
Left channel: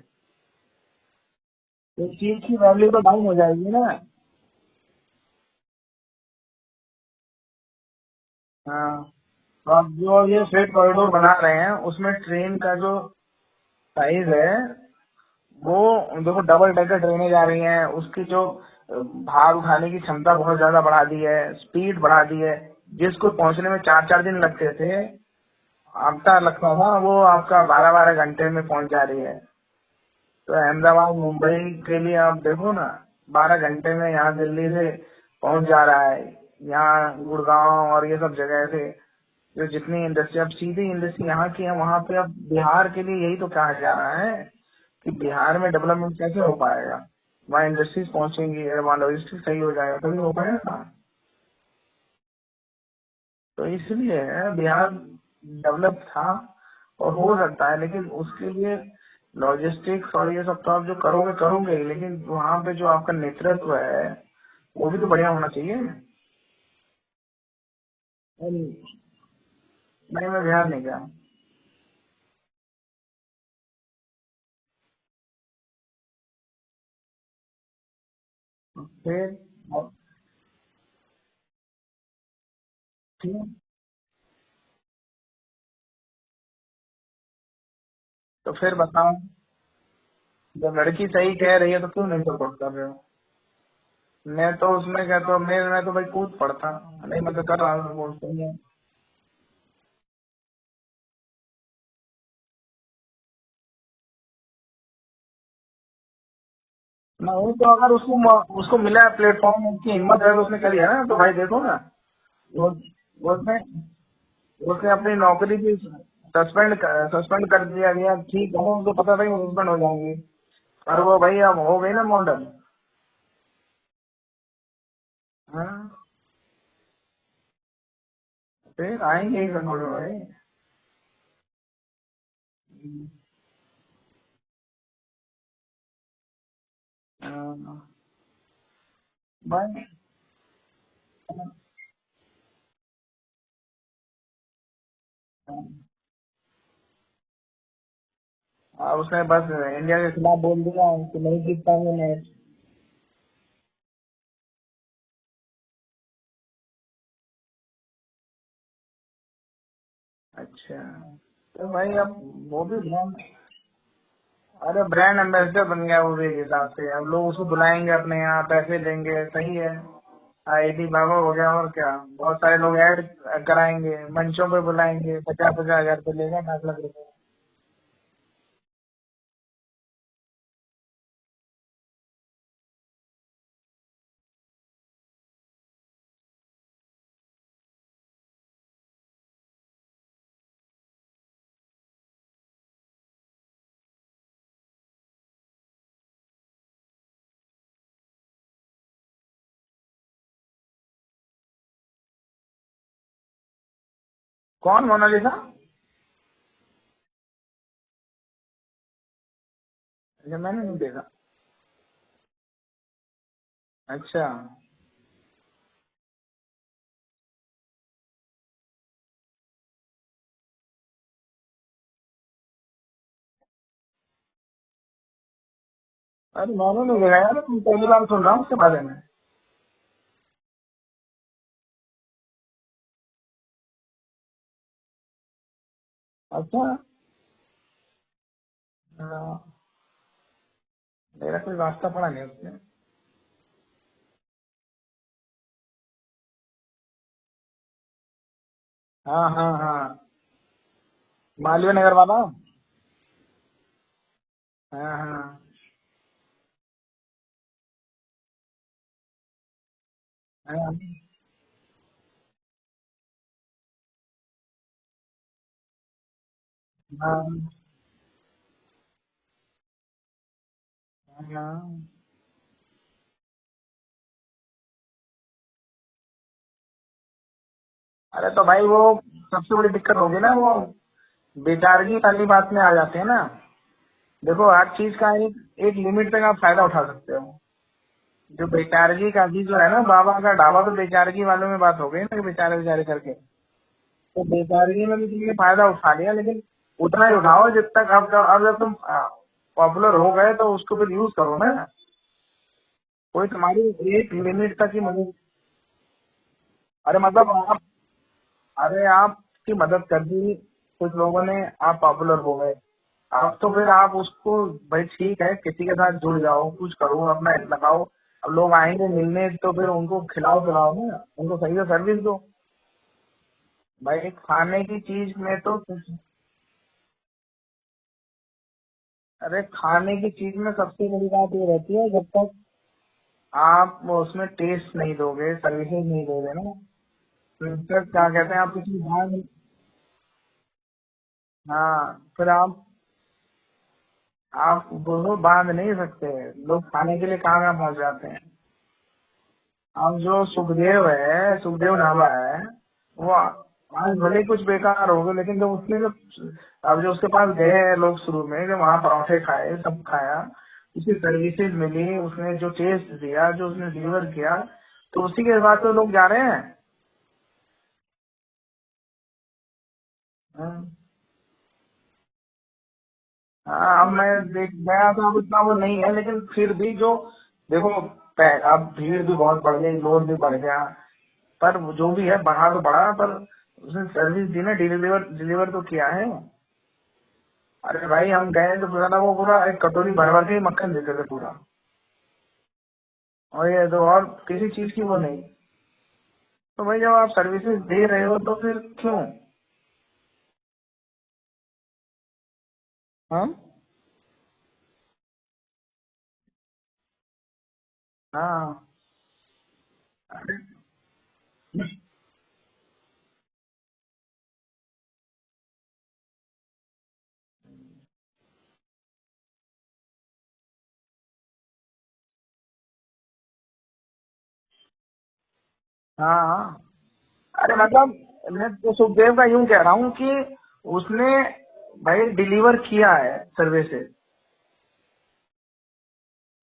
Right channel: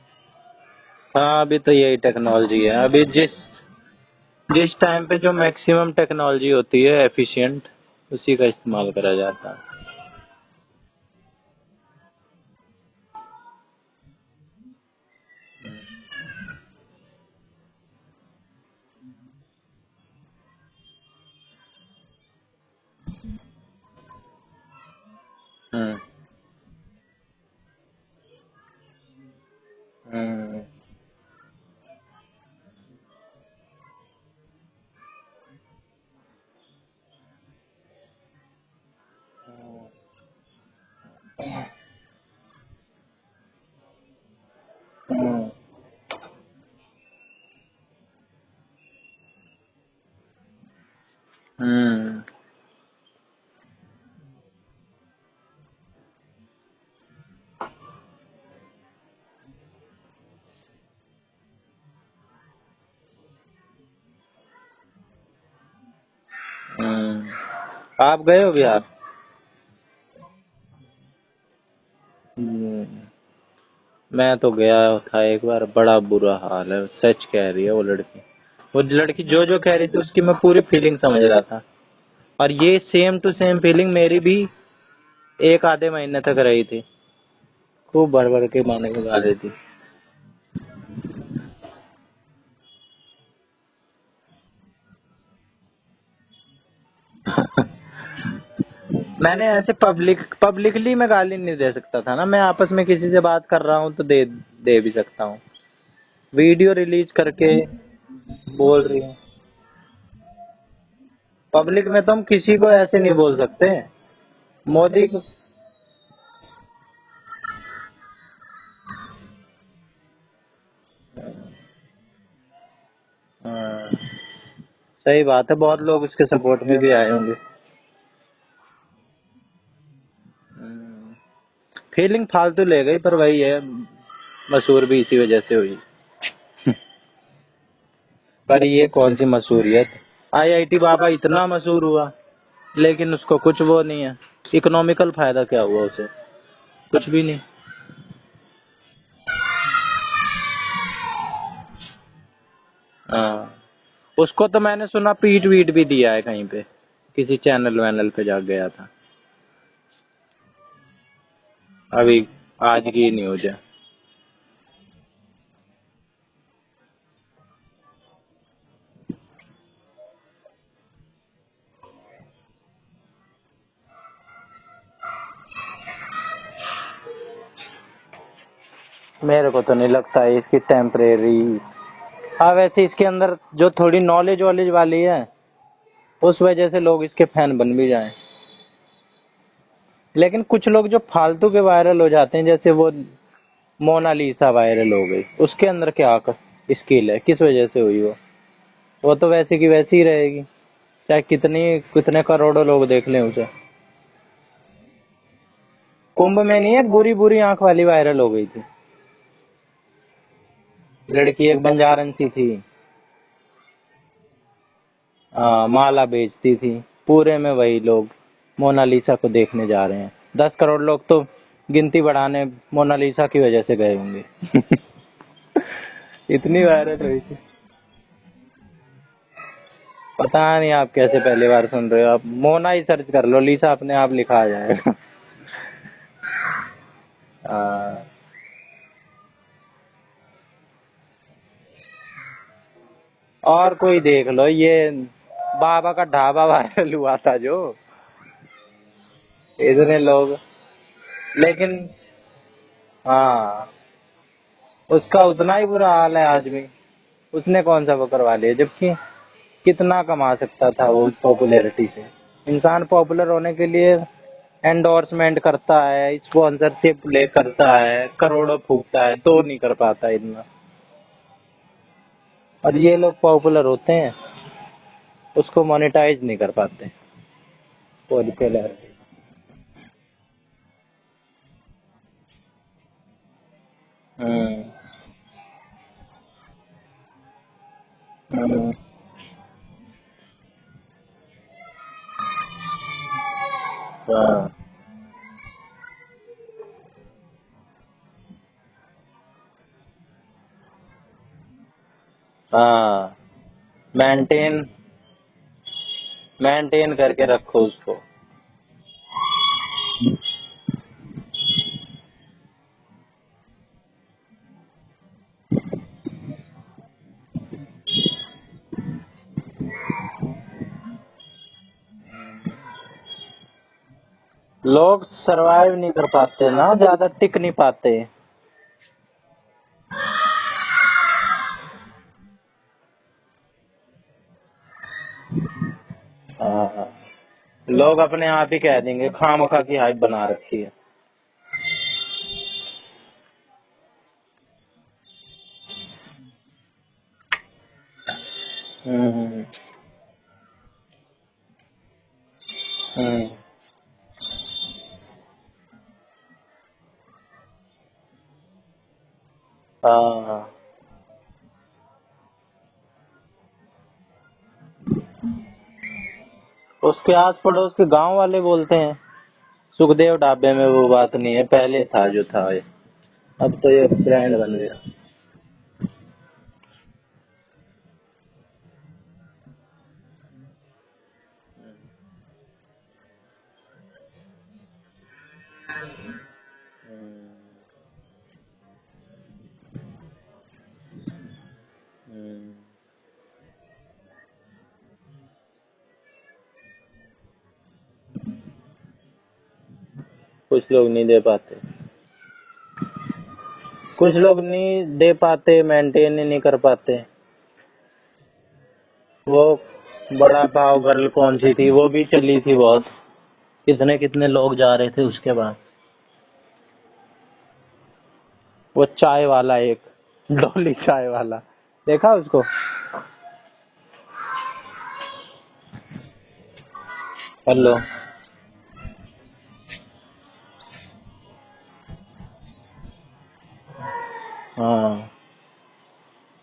हाँ अभी तो यही एक चीज की टेक्नोलॉजी है, वैल्यू तो अभी डाउन जिस हो जाएगी ना। जिस टाइम पे जो मैक्सिमम टेक्नोलॉजी होती है एफिशिएंट, उसी का इस्तेमाल हाँ, करा जाता है। तो अब जो ये फ्रेट कॉरिडोर बना रहे हैं उसमें ट्रेन का जो साइज है, वो देखो डबल डेकर ट्रेनें जा रही हैं, उसकी जो भार उठाने की क्षमता बहुत ज्यादा बढ़ा दी है, स्पीड बढ़ा दी है। जिसको पहुंचने में 4-4 दिन लगते थे, हम्म आपका लगता था, वो आपका 12-12 घंटे में पहुंच जा रही है। तो हम्म अहमदाबाद मुंबई के लिए आप देखो ना, 12 घंटे में यहाँ दिल्ली से पहुंच जा रहा है। यहाँ गुड़गांव और ये सब जगह से जो जितनी इंडस्ट्री, अब सीधी इंडस्ट्री यहाँ की है, वहाँ पे अब बिहार के लिए यही तो कहा जा रहा है कि बिहार में डेवलपमेंट कैसे हो पाएगा, वहाँ इंडस्ट्रीज पहुंचेंगी, वहाँ लॉजिस्टिक सही हो जाएगा तभी हो पाएगा ना। हम्म तो इसलिए बिहार डेवलप था और हो सकता है, लेकिन उसके लिए लॉजिस्टिक्स और ये सब तो आप जो करोगे करोगे ही, लेकिन वहाँ पे जो आपका नेतृत्व है वो भी तो बढ़िया होना चाहिए। आप गए हो बिहार? नहीं, मैं बिहार नहीं गया। हम्म, मैं तो गया था एक बार, बड़ा बुरा हाल है, सच कह रही है वो लड़की फिर जो जो कह रही थी उसकी मैं पूरी फीलिंग समझ रहा था, और ये सेम टू सेम फीलिंग मेरी भी एक आधे महीने तक रही थी, खूब भर भर तो के फिर गाने बताओ, गा रही थी। जब लड़की सही कह रही है तो क्यों नहीं सपोर्ट कर रहे हो? मैं तो उसमें कहता हूँ, मैं तो भाई कूद पड़ता, नहीं मैं तो कर रहा हूँ, बोलते हैं। मैंने ऐसे पब्लिकली मैं गाली नहीं दे सकता था ना, मैं आपस में किसी से बात कर रहा हूँ तो दे भी सकता हूँ, वीडियो रिलीज करके नहीं, तो अगर उसको बोल मिला के। है प्लेटफॉर्म, उसकी हिम्मत है तो उसने करी है ना, तो भाई देखो ना। पब्लिक में तो हम किसी को ऐसे नहीं बोल उसने सकते। उसने मोदी अपनी नौकरी की सस्पेंड कर दिया गया, ठीक है, उनको पता था कि सस्पेंड हो जाएंगी, और वो भाई अब हो गई ना मॉडल। हाँ, सही बात है, बहुत लोग उसके सपोर्ट में भी आए होंगे। फिर आएंगे ही सपोर्ट भाई। फीलिंग फालतू ले गई, पर वही है, मशहूर भी इसी वजह से हुई। हाँ, पर ये कौन सी भाई मशहूरियत, आईआईटी बाबा इतना मशहूर हुआ लेकिन उसको कुछ वो नहीं है, इकोनॉमिकल फायदा क्या हुआ उसे, कुछ भी नहीं। अब उसने बस इंडिया के खिलाफ बोल दिया कि नहीं जीत पाएंगे मैच। हाँ, उसको तो मैंने सुना पीट वीट भी दिया है कहीं पे, किसी चैनल वैनल पे जा गया था, अच्छा, तो भाई अब अभी वो भी आज की न्यूज है। अरे ब्रांड एम्बेसडर बन गया वो भी एक हिसाब से, अब लोग उसको बुलाएंगे अपने यहाँ, पैसे देंगे, सही है। आईआईटी बाबा हो गया, और क्या, बहुत सारे लोग ऐड कराएंगे, मंचों पे बुलाएंगे, 50-50 हजार रुपये लेगा, 5 लाख रुपए। मेरे को तो नहीं लगता है इसकी टेम्परेरी। हाँ वैसे इसके अंदर जो थोड़ी नॉलेज वॉलेज वाली है उस वजह से लोग इसके फैन बन भी जाएं, लेकिन कुछ लोग जो फालतू के वायरल हो जाते हैं, जैसे वो मोनालिसा वायरल हो गई, उसके अंदर क्या स्किल है, किस वजह से हुई वो? वो तो वैसे की वैसी ही रहेगी, चाहे कितने करोड़ों लोग देख लें उसे। कौन मोनालिसा? कुंभ में नहीं, एक बुरी बुरी आंख वाली वायरल हो गई थी ये मैंने नहीं देखा। लड़की, एक बंजारन सी थी। अच्छा। माला बेचती थी। पूरे में वही लोग मोनालिसा को देखने जा रहे हैं। 10 करोड़ लोग तो गिनती बढ़ाने मोनालिसा की वजह से गए होंगे। अरे इतनी मैंने नहीं वायरल देखा हुई यार, थी। तुम पहली बार सुन रहा हूँ उसके बारे में। पता नहीं आप कैसे पहली बार सुन रहे हो। आप मोना ही सर्च कर लो, लिसा अपने आप लिखा आ जाएगा। अच्छा। हाँ। हाँ, मेरा कोई वास्ता पड़ा नहीं इसमें। और कोई देख लो, ये बाबा का ढाबा वायरल हुआ था जो, हाँ हाँ इतने हाँ, लोग, मालवीय लेकिन नगर वाला। हाँ, हाँ उसका हाँ उतना ही बुरा हाल है आज भी। उसने कौन सा वो करवा लिया, जबकि कितना कमा सकता हाँ था वो पॉपुलैरिटी से। इंसान पॉपुलर होने के लिए एंडोर्समेंट करता है, स्पॉन्सरशिप ले हाँ करता है, करोड़ों फूकता है, तो नहीं कर पाता इतना। हाँ। और ये लोग पॉपुलर होते हैं, उसको मोनेटाइज नहीं कर पाते, तो अरे तो उनके भाई लिए। वो सबसे बड़ी दिक्कत होगी ना, वो बेचारगी वाली बात में आ जाते हैं ना। देखो हम्म। हर चीज का एक लिमिट तक आप फायदा उठा सकते हो। तो हम्म। बेचारगी का भी जो है ना, बाबा का ढाबा, तो बेचारगी वालों में बात हो गई ना कि बेचारे बेचारे करके। तो हाँ। बेचारगी में भी तुमने फायदा उठा लिया, लेकिन उतना ही उठाओ जब तक अब जब तुम पॉपुलर हो गए तो उसको फिर यूज करो ना। हाँ। कोई तुम्हारी एक लिमिट मेंटेन तक ही मदद। मेंटेन अरे करके मतलब रखो आप, उसको। अरे आपकी मदद कर दी कुछ लोगों ने, आप पॉपुलर हो गए। अब तो फिर आप उसको, भाई ठीक है किसी के साथ जुड़ जाओ, कुछ करो, अपना लगाओ। अब लोग आएंगे मिलने तो फिर उनको खिलाओ पिलाओ ना, उनको सही से सर्विस दो। भाई खाने की लोग चीज में तो, सरवाइव नहीं कर पाते ना, ज्यादा टिक नहीं पाते। अरे खाने की चीज में सबसे बड़ी बात ये रहती है, जब तक आप उसमें टेस्ट नहीं दोगे, सर्विसेज नहीं दोगे ना, हाँ। फिर लोग क्या अपने कहते हैं, आप आप ही किसी कह बाहर देंगे में। खामखा की हाइप बना रखी है। हाँ, फिर आप दोनों बांध नहीं सकते। लोग खाने के लिए कहाँ पहुंच जाते हैं। हम्म। अब जो सुखदेव है, सुखदेव ढाबा है, वो हम्म। आज भले ही कुछ बेकार हो गए, लेकिन जब उसने जब अब जो उसके पास गए हैं लोग शुरू में, जब वहाँ पराठे खाए, सब खाया, हाँ। उसकी सर्विसेज मिली, उसने जो टेस्ट दिया, जो उसने डिलीवर किया, तो उसी के बाद तो लोग जा रहे हैं। उसके आस पड़ोस के गांव वाले बोलते हैं सुखदेव ढाबे में वो बात नहीं है, पहले था जो था ये। अब तो ये अब मैं ब्रांड बन गए। गया तो अब इतना वो नहीं है, लेकिन फिर भी जो, देखो अब भीड़ भी बहुत बढ़ गई, लोड भी बढ़ गया, पर वो जो भी है बढ़ा तो बढ़ा, पर उसने सर्विस दी ना, डिलीवर डिलीवर तो किया है। अरे भाई हम गए तो पूरा ना, वो पूरा एक कटोरी भर भर के ही मक्खन देते थे पूरा। और ये तो और किसी चीज की वो नहीं। तो भाई जब आप सर्विसेज दे रहे हो तो फिर क्यों। कुछ लोग नहीं दे पाते, हाँ कुछ लोग नहीं दे पाते, मेंटेन ही नहीं कर पाते। हाँ। वो बड़ा पाव गर्ल कौन सी थी, वो भी चली थी बहुत, कितने कितने लोग जा रहे थे उसके बाद। वो चाय वाला, एक डोली चाय वाला, देखा उसको? हाँ हाँ। अरे हेलो। मतलब मैं तो सुखदेव का यूं कह रहा हूँ कि उसने भाई डिलीवर किया है सर्विसेज, हाँ,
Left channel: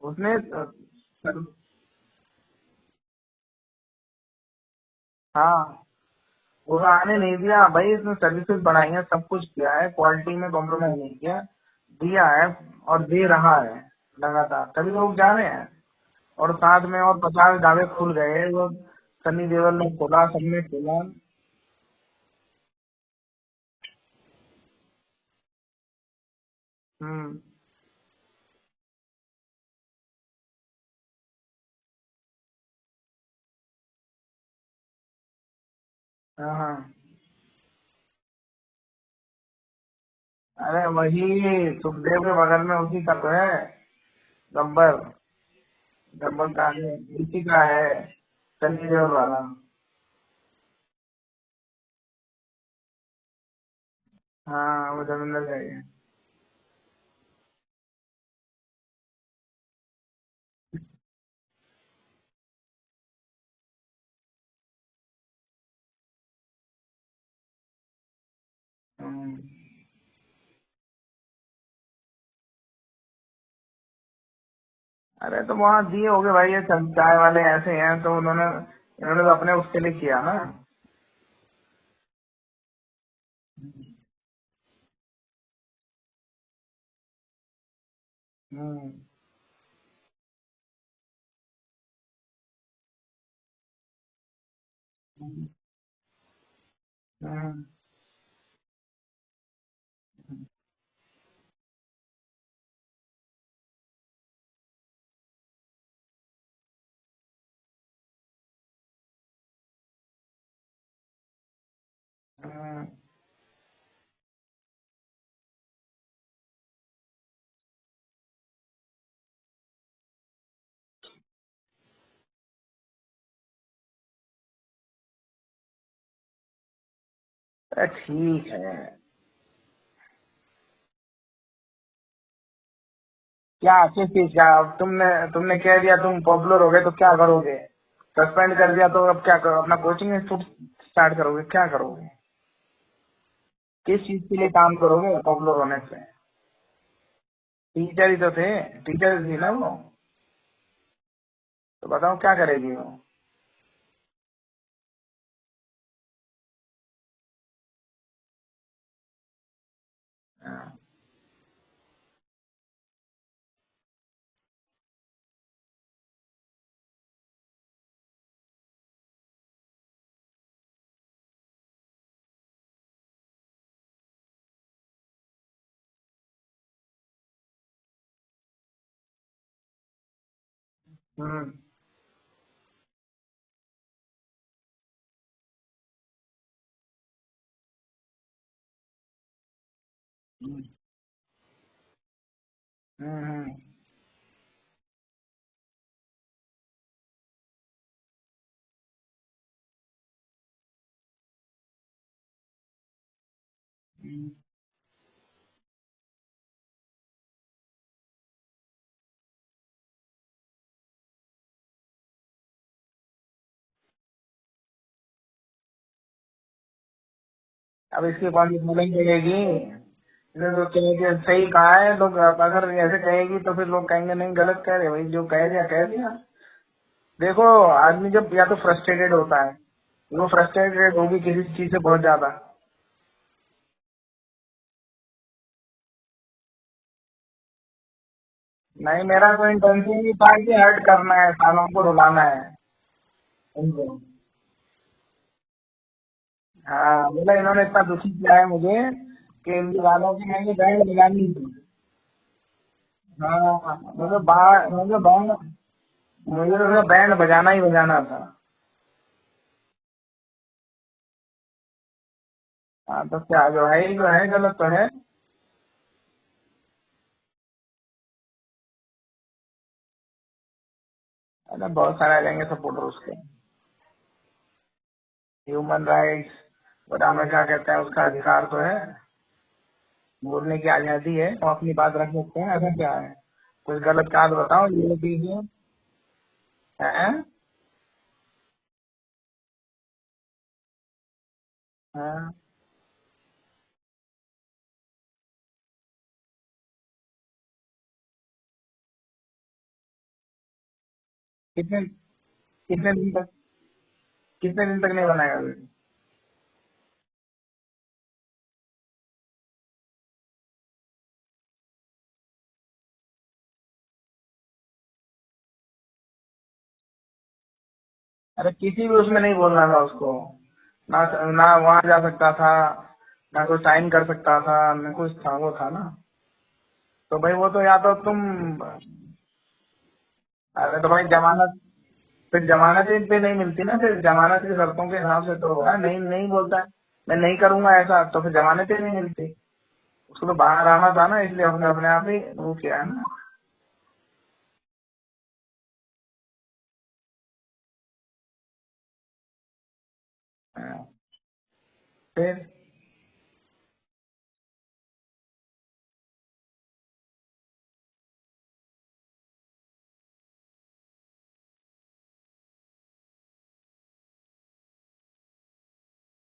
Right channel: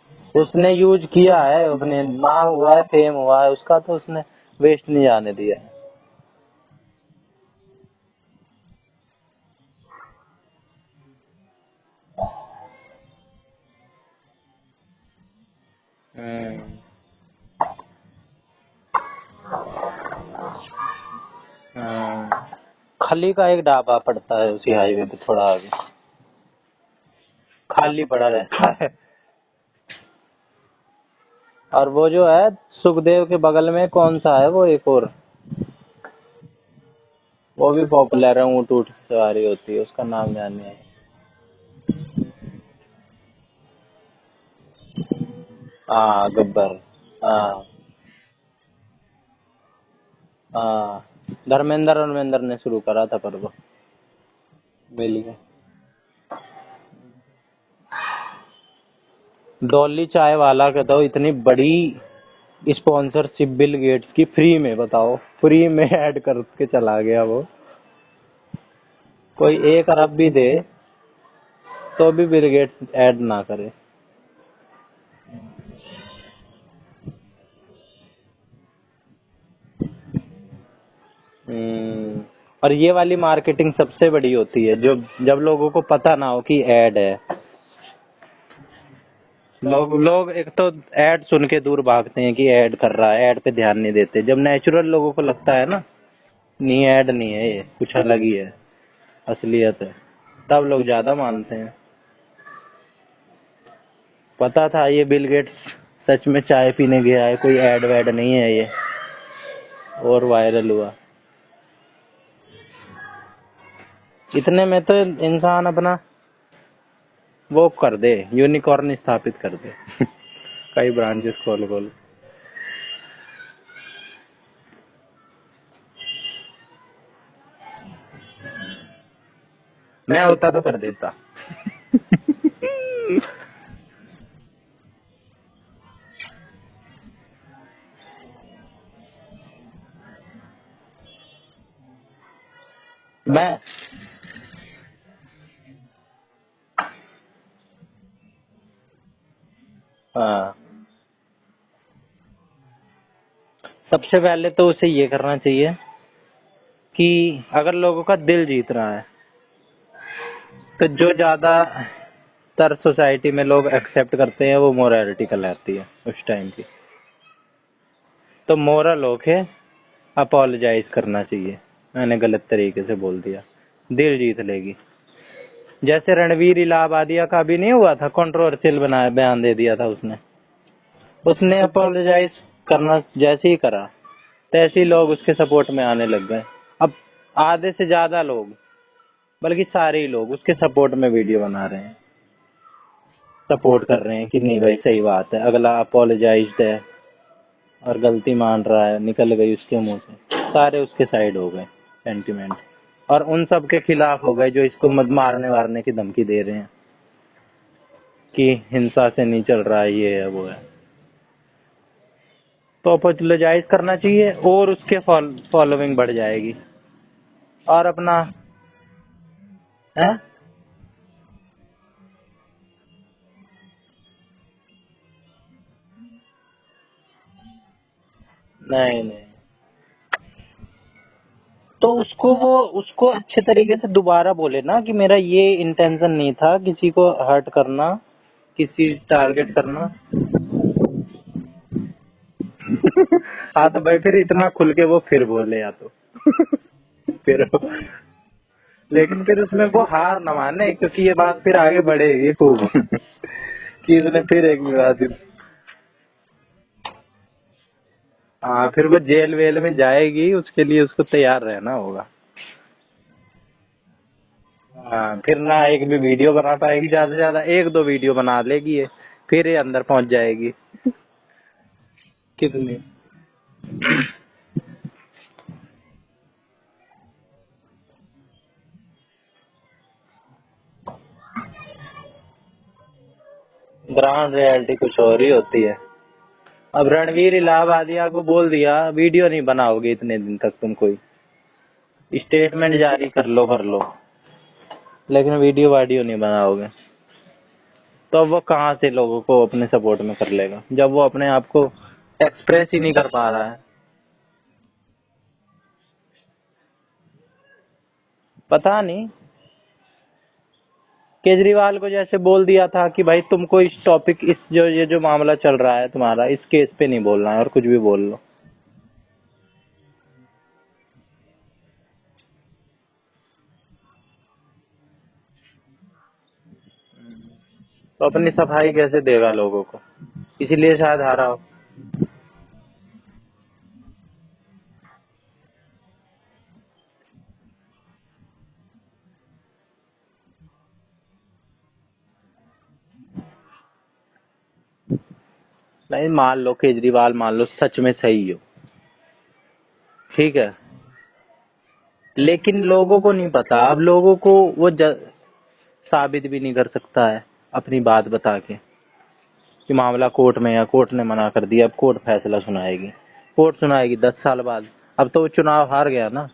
उसने उसने यूज किया है, अपने नाम हुआ है, फेम हुआ है उसका, तो उसने वेस्ट नहीं जाने दिया। हाँ, वो आने नहीं दिया भाई, इसने सर्विसेज बढ़ाई है, सब कुछ किया है, क्वालिटी में कॉम्प्रोमाइज नहीं किया, दिया है और दे रहा है लगातार, तभी लोग जा रहे हैं। और हम्म। साथ में और 50 ढाबे खुल गए, वो सनी देओल ने खोला, सबने खोला। खली का एक ढाबा पड़ता है उसी हाईवे पे थोड़ा आगे, हम्म। खाली पड़ा रहता है। और वो जो है सुखदेव के बगल में कौन सा है वो, एक और, हाँ हाँ। वो भी पॉपुलर है, ऊँट ऊँट की सवारी होती है, उसका नाम ध्यान नहीं अरे वही सुखदेव के बगल में उसी का तो है, गब्बर। है। हाँ, गब्बर का गब्बर। है, उसी हाँ। का है, सनी देओल वाला। हाँ, धर्मेंद्र ने शुरू करा था पर वो हाँ वो मिल गया। धर्मेंद्र का ही है। डॉली चाय वाला का तो इतनी बड़ी स्पॉन्सरशिप बिल गेट्स की फ्री में, बताओ, फ्री में ऐड करके चला गया वो। कोई 1 अरब भी दे तो भी बिल गेट्स ऐड ना करे। अरे तो वहाँ दिए होगे भाई, ये चाय वाले ऐसे हैं तो इन्होंने तो अपने उसके लिए किया ना। और ये वाली मार्केटिंग सबसे बड़ी होती है, जो जब लोगों को पता ना हो कि ऐड है। लोग एक तो ऐड सुन के दूर भागते हैं कि ऐड कर रहा है, ऐड पे ध्यान नहीं देते। जब नेचुरल लोगों को लगता है ना, नहीं ऐड नहीं है, ये कुछ अलग ही है, असलियत है, तब लोग ज्यादा मानते हैं। पता था ये बिल गेट्स सच में चाय पीने गया है, कोई ऐड वैड नहीं है ये, और वायरल हुआ। इतने में तो इंसान अपना वो कर दे, यूनिकॉर्न स्थापित कर दे कई ब्रांचेस खोल खोल। ठीक है, मैं होता तो कर देता क्या किस चीज का? अब तुमने कह दिया तुम पॉपुलर हो गए तो क्या करोगे? सस्पेंड कर दिया तो अब क्या करो? अपना कोचिंग इंस्टीट्यूट स्टार्ट करोगे? क्या करोगे? मैं किस चीज के लिए काम करोगे पॉपुलर होने से? टीचर ही तो थे, टीचर थी ना वो, हाँ, तो बताओ क्या करेगी वो? सबसे पहले तो उसे ये करना चाहिए कि अगर लोगों का दिल जीत रहा है तो जो ज्यादा तर सोसाइटी में लोग एक्सेप्ट करते हैं वो मोरालिटी कहलाती है उस टाइम की। तो मोरल होके अपोलोजाइज करना चाहिए, मैंने गलत तरीके से बोल दिया, दिल जीत लेगी। जैसे रणवीर इलाहाबादिया का भी नहीं हुआ था, कंट्रोवर्शियल बनाया बयान दे दिया था उसने। उसने अपोलोजाइज करना जैसे ही करा तैसे ही लोग उसके सपोर्ट में आने लग गए। अब आधे से ज्यादा लोग, बल्कि सारे ही लोग उसके सपोर्ट में वीडियो बना रहे हैं, सपोर्ट कर रहे हैं कि नहीं भाई सही बात है, अगला अपोलोजाइज्ड है और गलती मान रहा है, निकल गई उसके मुंह से, सारे उसके साइड हो गए सेंटिमेंट, और उन सब के खिलाफ हो गए जो इसको मत मारने वारने की धमकी दे रहे हैं कि हिंसा से नहीं चल रहा है, ये है वो है। तो अपोलोजाइज करना चाहिए और उसके फॉलोइंग बढ़ जाएगी। और अपना फॉलोइंग बढ़ेगी है? तो कहेंगे सही कहा है लोग, अगर ऐसे कहेगी तो फिर लोग कहेंगे नहीं गलत कह रहे भाई, जो कह दिया। देखो आदमी जब या तो फ्रस्ट्रेटेड होता है, वो फ्रस्ट्रेटेड होगी किसी चीज से तो बहुत ज्यादा। उसको अच्छे तरीके से दोबारा बोले ना कि मेरा ये इंटेंशन नहीं था किसी को हर्ट करना, किसी नहीं, मेरा तो टारगेट करना। इंटेंशन ही था कि हर्ट करना है, सालों को रुलाना है। हाँ तो भाई फिर इतना खुल के वो फिर बोले, या तो हाँ, बोले इन्होंने इतना दुखी किया है मुझे। लेकिन फिर उसमें वो हार न माने, क्योंकि ये बात फिर आगे बढ़ेगी खूब कि इसने फिर एक ही बात। मुझे तो बैंड बजाना ही बजाना था। हाँ फिर वो जेल वेल में जाएगी, उसके लिए उसको तैयार रहना होगा। हाँ तो क्या, जो है गलत तो है। हाँ फिर ना एक भी वीडियो बना पाएगी, ज्यादा से ज्यादा 1-2 वीडियो बना लेगी ये, फिर ये अंदर पहुंच जाएगी। अरे बहुत सारे आ जाएंगे सपोर्टर उसके। ह्यूमन राइट्स बता में क्या कहते हैं, उसका अधिकार तो है, बोलने की आजादी है, वो अपनी बात रख सकते हैं, ऐसा क्या है? कुछ गलत काम बताओ। रियलिटी कुछ और ही होती है। अब रणवीर इलाहाबादिया को बोल दिया वीडियो नहीं बनाओगे इतने दिन तक, तुम कोई स्टेटमेंट जारी कर लो, लेकिन वीडियो नहीं बनाओगे, तो वो कहाँ से लोगों को अपने सपोर्ट में कर लेगा जब वो अपने आप को एक्सप्रेस ही नहीं कर पा रहा है। कितने दिन तक नहीं बनाएगा वीडियो? पता नहीं, केजरीवाल को जैसे बोल दिया था कि भाई तुमको इस टॉपिक, इस ये जो मामला चल रहा है तुम्हारा, इस केस पे नहीं बोलना है और कुछ भी बोल लो। अरे किसी भी उसमें नहीं बोलना था उसको, ना ना वहाँ जा सकता था, ना कोई साइन कर सकता था, ना कुछ था, वो था ना। तो भाई वो तो या तो तुम अपनी सफाई कैसे देगा लोगों को, इसीलिए अरे तो शायद भाई हारा। फिर जमानत पे नहीं मिलती ना, फिर जमानत की शर्तों के हिसाब से तो होगा। नहीं नहीं बोलता है मैं नहीं करूंगा ऐसा, तो फिर जमानत ही नहीं मिलती। उसको तो बाहर आना था ना, इसलिए उसने अपने आप ही वो किया है ना। नहीं, मान लो केजरीवाल मान लो सच में सही हो, ठीक है, लेकिन लोगों को नहीं पता। अब लोगों को वो साबित भी नहीं कर सकता है अपनी बात बता के। कि मामला कोर्ट में है, कोर्ट ने मना कर दिया, अब कोर्ट फैसला सुनाएगी, कोर्ट सुनाएगी 10 साल बाद। अब तो वो चुनाव हार गया ना,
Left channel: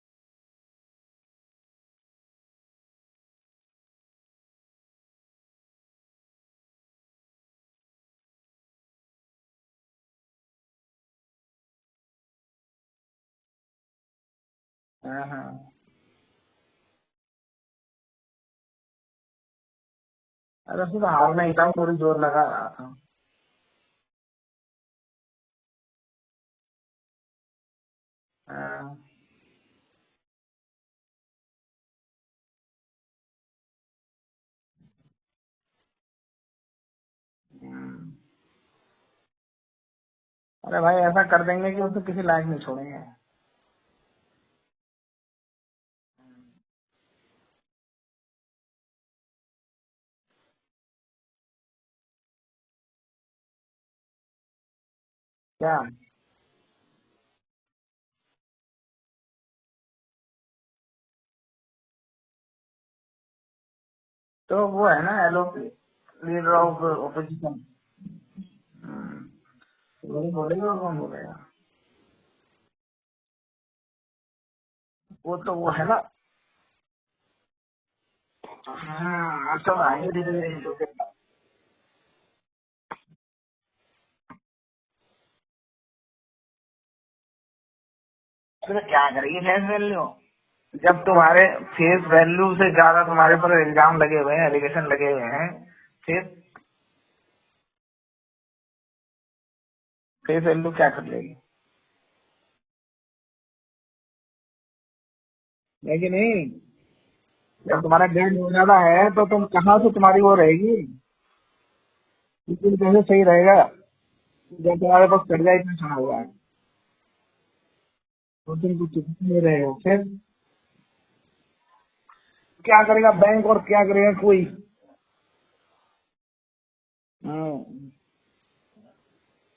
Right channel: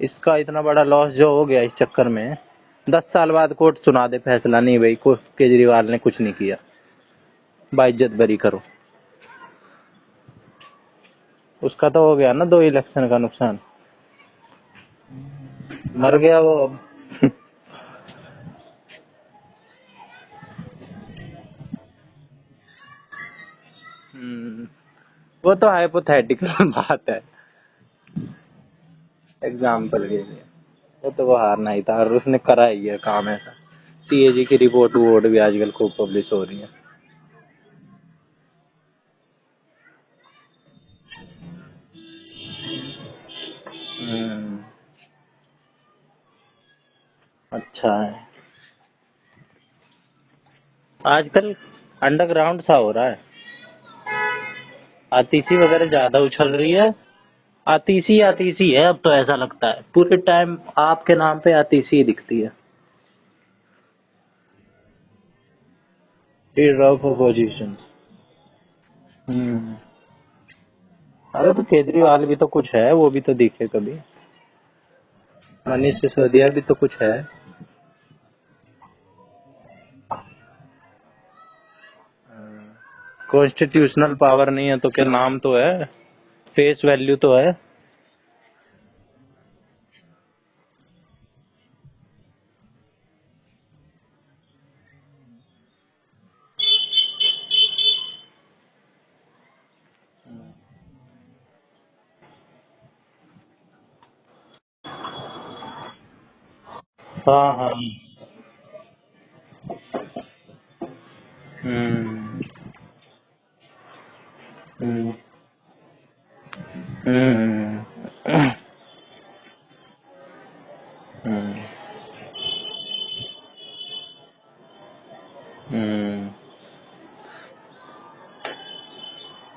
इसका इतना बड़ा लॉस जो हो गया इस चक्कर में, 10 साल बाद कोर्ट सुना दे फैसला, नहीं भाई केजरीवाल ने कुछ नहीं किया, बाइज्जत बरी करो, उसका तो हो गया ना 2 इलेक्शन का नुकसान, मर गया वो अब। अरे फिर हारना ही था, पूरी जोर लगा रहा था। वो तो हाइपोथेटिकल बात है, हाँ। एग्जाम्पल के लिए, वो हारना ही था और उसने करा ही है काम ऐसा। सीएजी की रिपोर्ट वोट भी आजकल खूब पब्लिश हो रही है। अरे भाई ऐसा कर देंगे कि वो तो किसी लायक नहीं छोड़ेंगे। अच्छा है, आजकल अंडरग्राउंड सा हो रहा है, आतिशी वगैरह ज्यादा उछल रही है, आतिशी आतिशी है अब तो, ऐसा लगता है पूरे टाइम आपके नाम पे आतिशी ही दिखती है। तो वो है ना एलओपी, लीडर ऑफ अपोजिशन। वही बोलेगा, कौन बोलेगा? अरे तो केजरीवाल भी तो कुछ है, वो भी तो दिखे कभी, वो तो वो है मनीष ना। सिसोदिया भी तो कुछ है। सब आएंगे धीरे-धीरे। कॉन्स्टिट्यूशनल पावर नहीं है तो क्या नाम तो है, फेस वैल्यू तो है। अरे क्या करेगी फेस वैल्यू, जब तुम्हारे फेस वैल्यू से ज्यादा तुम्हारे पर इल्जाम लगे हुए हैं, एलिगेशन लगे हुए हैं, फिर फेस वैल्यू क्या कर लेगी? है कि नहीं? हाँ हाँ। जब तुम्हारा ग्रेड हो ज्यादा है तो तुम कहाँ से तुम्हारी वो रहेगी, बिल्कुल कैसे सही रहेगा जब तुम्हारे पास कर्जा इतना चढ़ा हुआ है, तो तुम कुछ नहीं रहेगा। फिर क्या करेगा बैंक और क्या करेगा कोई?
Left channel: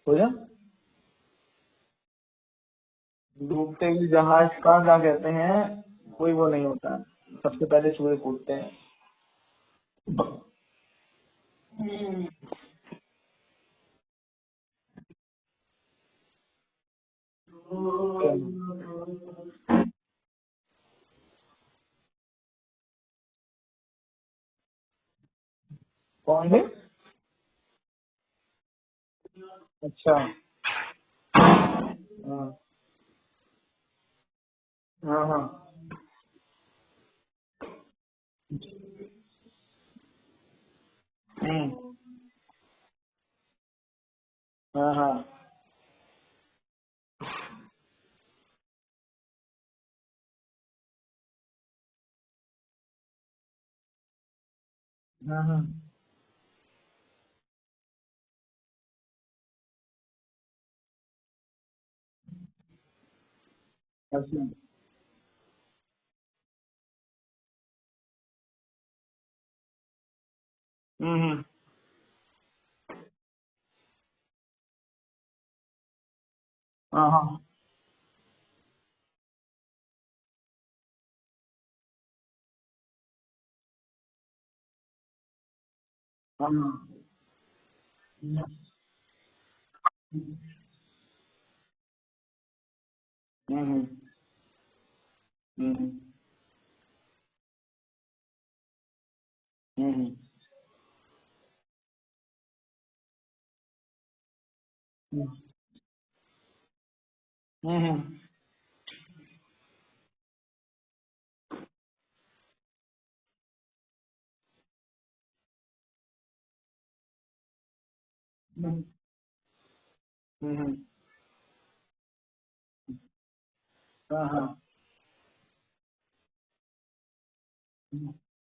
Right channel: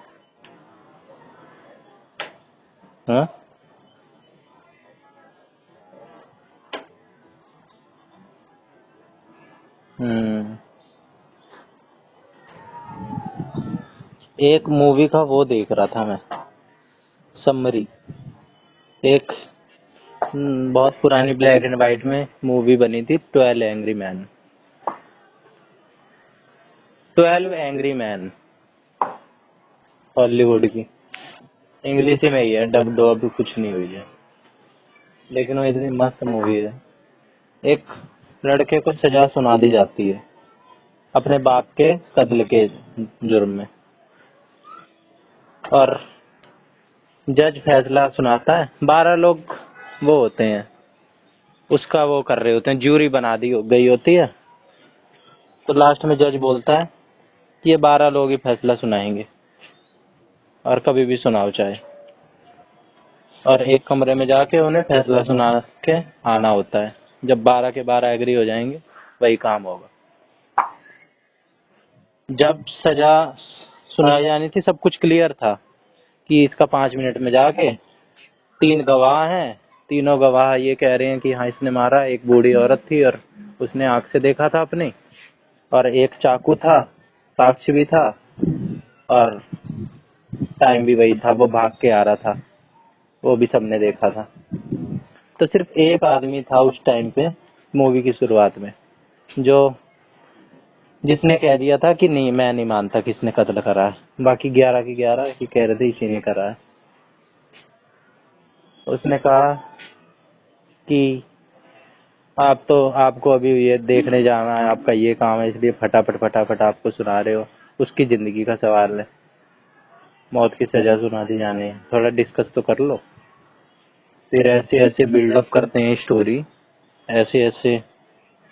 तो ना डूबते हुए जहाज का क्या कहते हैं, कोई वो नहीं होता, सबसे पहले चूहे कूदते हैं। एक मूवी का वो देख रहा था मैं, समरी, एक बहुत पुरानी ब्लैक एंड व्हाइट में मूवी बनी थी, 12 एंग्री मैन। कौन सी? 12 एंग्री मैन, अच्छा। हॉलीवुड की, इंग्लिश में ही है, डब डब कुछ नहीं हुई है, हाँ। लेकिन वो इतनी मस्त मूवी है। एक लड़के को सजा सुना दी जाती है अपने बाप के कत्ल के जुर्म में, हाँ। और जज फैसला सुनाता है, 12 लोग वो होते हैं, उसका वो कर रहे होते हैं, ज्यूरी बना दी गई होती है। तो लास्ट में जज बोलता है ये 12 लोग ही फैसला सुनाएंगे और कभी भी सुनाओ चाहे, और एक कमरे में जाके उन्हें फैसला सुना के आना होता है। जब 12 के 12 एग्री हो जाएंगे वही काम होगा। जब सजा सुनाई जानी थी सब कुछ क्लियर था कि इसका 5 मिनट में जाके 3 गवाह हैं, तीनों गवाह ये कह रहे हैं कि हाँ इसने मारा, एक बूढ़ी औरत थी और उसने आंख से देखा था अपनी, और एक चाकू था, साक्ष्य भी था, और टाइम भी वही था, वो भाग के आ रहा था, वो भी सबने देखा था। तो सिर्फ एक आदमी था उस टाइम पे मूवी की शुरुआत में जो जिसने कह दिया था कि नहीं मैं नहीं मानता किसने कत्ल करा है, बाकी 11 की 11 ही कह रहे थे इसी ने करा है। उसने कहा कि आपको अभी ये देखने जाना है, आपका ये काम है, इसलिए फटाफट आपको सुना रहे हो, उसकी जिंदगी का सवाल है, मौत की सजा सुना दी जानी है, थोड़ा डिस्कस तो कर लो। फिर ऐसे ऐसे बिल्डअप करते हैं स्टोरी, ऐसे ऐसे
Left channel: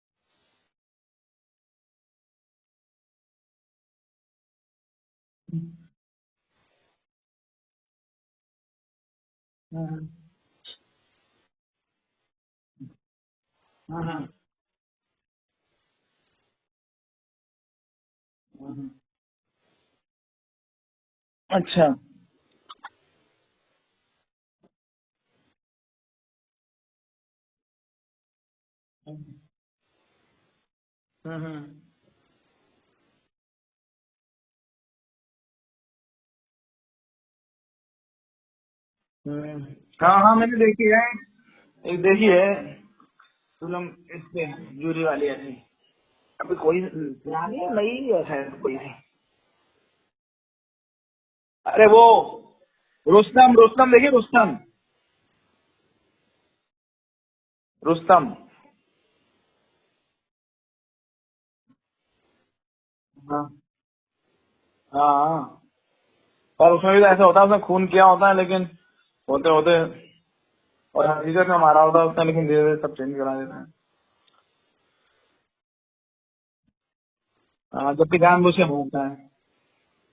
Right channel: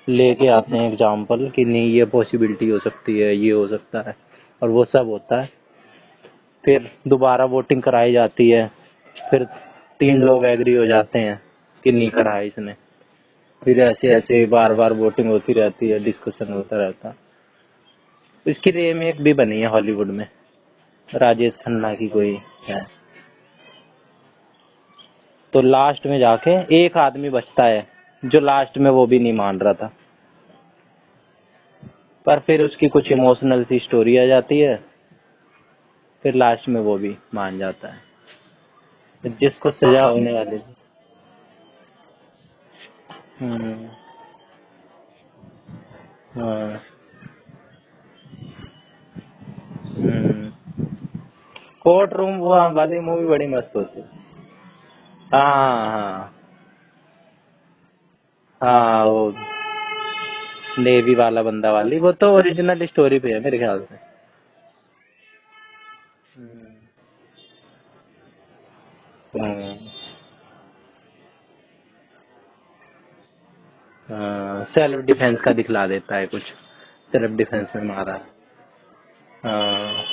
लेके आते हैं एग्जाम्पल कि नहीं ये पॉसिबिलिटी हो सकती है, ये हो सकता है, और वो सब होता है। फिर दोबारा वोटिंग कराई जाती है, फिर 3 लोग एग्री हो जाते हैं कि नहीं करा है इसने, फिर ऐसे ऐसे बार बार वोटिंग होती रहती है, डिस्कशन होता रहता है। इसकी रीमेक भी बनी है हॉलीवुड में, राजेश खन्ना की कोई है। तो लास्ट में जाके एक आदमी बचता है जो लास्ट में वो भी नहीं मान रहा था, पर फिर उसकी कुछ इमोशनल सी स्टोरी आ जाती है, फिर लास्ट में वो भी मान जाता है। तो जिसको सजा हाँ होने हाँ मैंने वाली। देखी है, एक देखी है हम्म। फिल्म, इससे जूरी वाली ऐसी। अभी हाँ। कोई पुरानी है, नई है शायद कोई सी। हम्म। अरे वो कोर्ट रूम वो वाली मूवी बड़ी रुस्तम, मस्त रुस्तम होती है। देखिए, रुस्तम, हाँ हाँ रुस्तम। हाँ, वो नेवी वाला बंदा वाली, वो तो ओरिजिनल स्टोरी पे है हाँ मेरे ख्याल से। हाँ, पर उसमें भी तो ऐसा होता है, उसने खून किया होता है लेकिन होते होते, और हकीकत में मारा होता है उसने, लेकिन धीरे धीरे सब चेंज करा देता है। सेल्फ डिफेंस का दिखला देता है कुछ, सेल्फ डिफेंस में हाँ, मारा। जबकि जानबूझ के होता है। हाँ।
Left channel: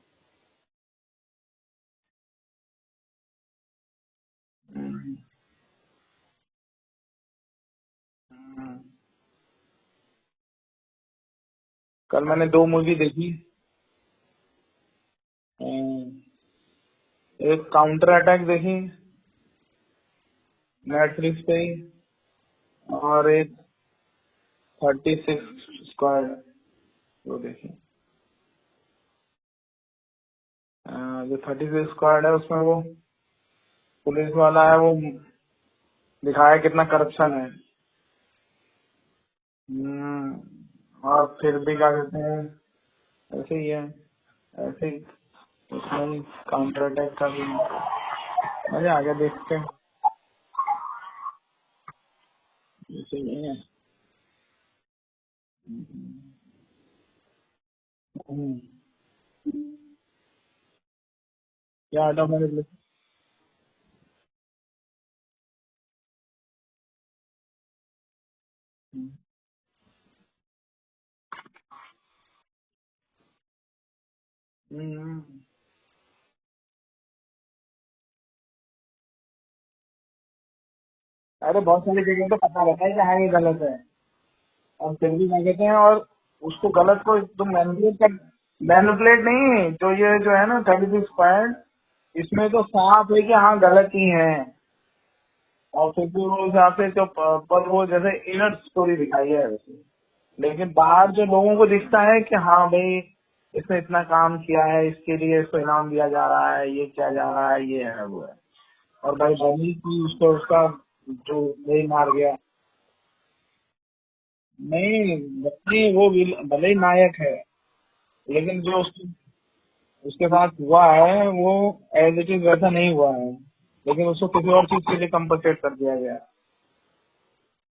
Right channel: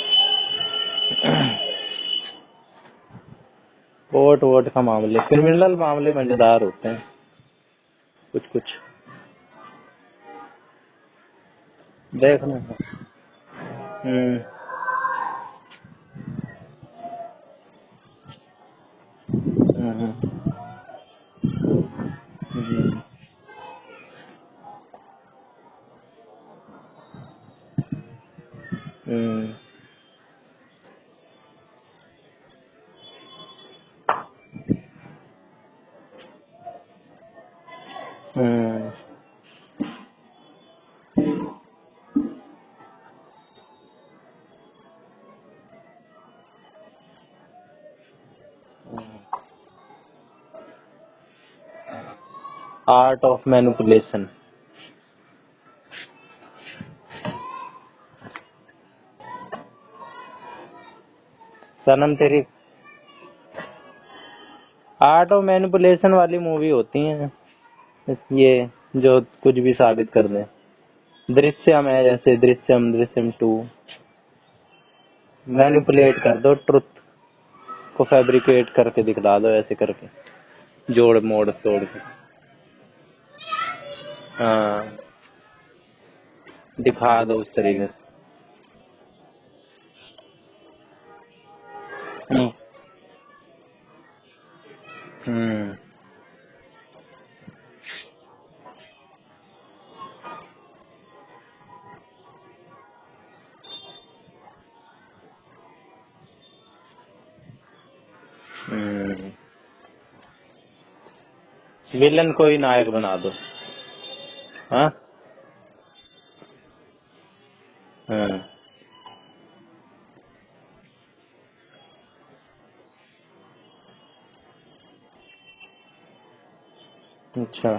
कोर्ट वोट का मामले, क्रिमिनल मामले मजेदार होते हैं कुछ कुछ। कल देख। मैंने 2 मूवी देखी। हम्म। एक काउंटर अटैक देखी हम्म। नेटफ्लिक्स पे ही, हम्म। और एक 36 स्क्वाड वो देखी। हम्म। जो 36 स्क्वाड है उसमें वो पुलिस वाला है, वो दिखाया कितना करप्शन है। हम्म। और फिर भी क्या कहते हैं, ऐसे ही है, ऐसे ही उसमें काउंटर अटैक का भी मजा आ गया देख के। Art of manipulation. हम्म, क्या सनम था तेरी। मेरे लिए। आर्ट ऑफ मैनिपुलेशन वाली मूवी होती है ये, जो कुछ भी साबित कर दे। दृश्यम है जैसे, दृश्यम, दृश्यम 2। मैनिपुलेट कर दो, ट्रुथ को फैब्रिकेट करके दिखला दो, ऐसे करके जोड़ मोड़ अरे तोड़ बहुत के। सारी जगह तो पता रहता है कि हाँ ये गलत है, और हाँ, फिर भी क्या कहते हैं, और उसको गलत को दिखा दो तुम उस तरीके मैनिपुलेट से। कर, मैनिपुलेट नहीं, जो ये जो है ना 36 पॉइंट, इसमें तो साफ है कि हाँ गलत ही है। हम्म। और फिर भी वो हिसाब से जो पर वो जैसे इनर स्टोरी दिखाई है, लेकिन बाहर जो लोगों को दिखता है कि हाँ भाई इसने इतना काम किया है, इसके लिए इसको इनाम दिया जा रहा है, ये किया जा रहा है, ये है वो है। और भाई बनी की उसको उसका जो नहीं मार विलन दिया। को ही नायक बना दो। हाँ। नहीं नहीं, वो भले ही नायक है, हाँ। लेकिन जो उसके साथ हुआ है वो एज इट इज वैसा नहीं हुआ है, लेकिन उसको किसी और चीज के लिए कंपनसेट कर दिया गया है। अच्छा।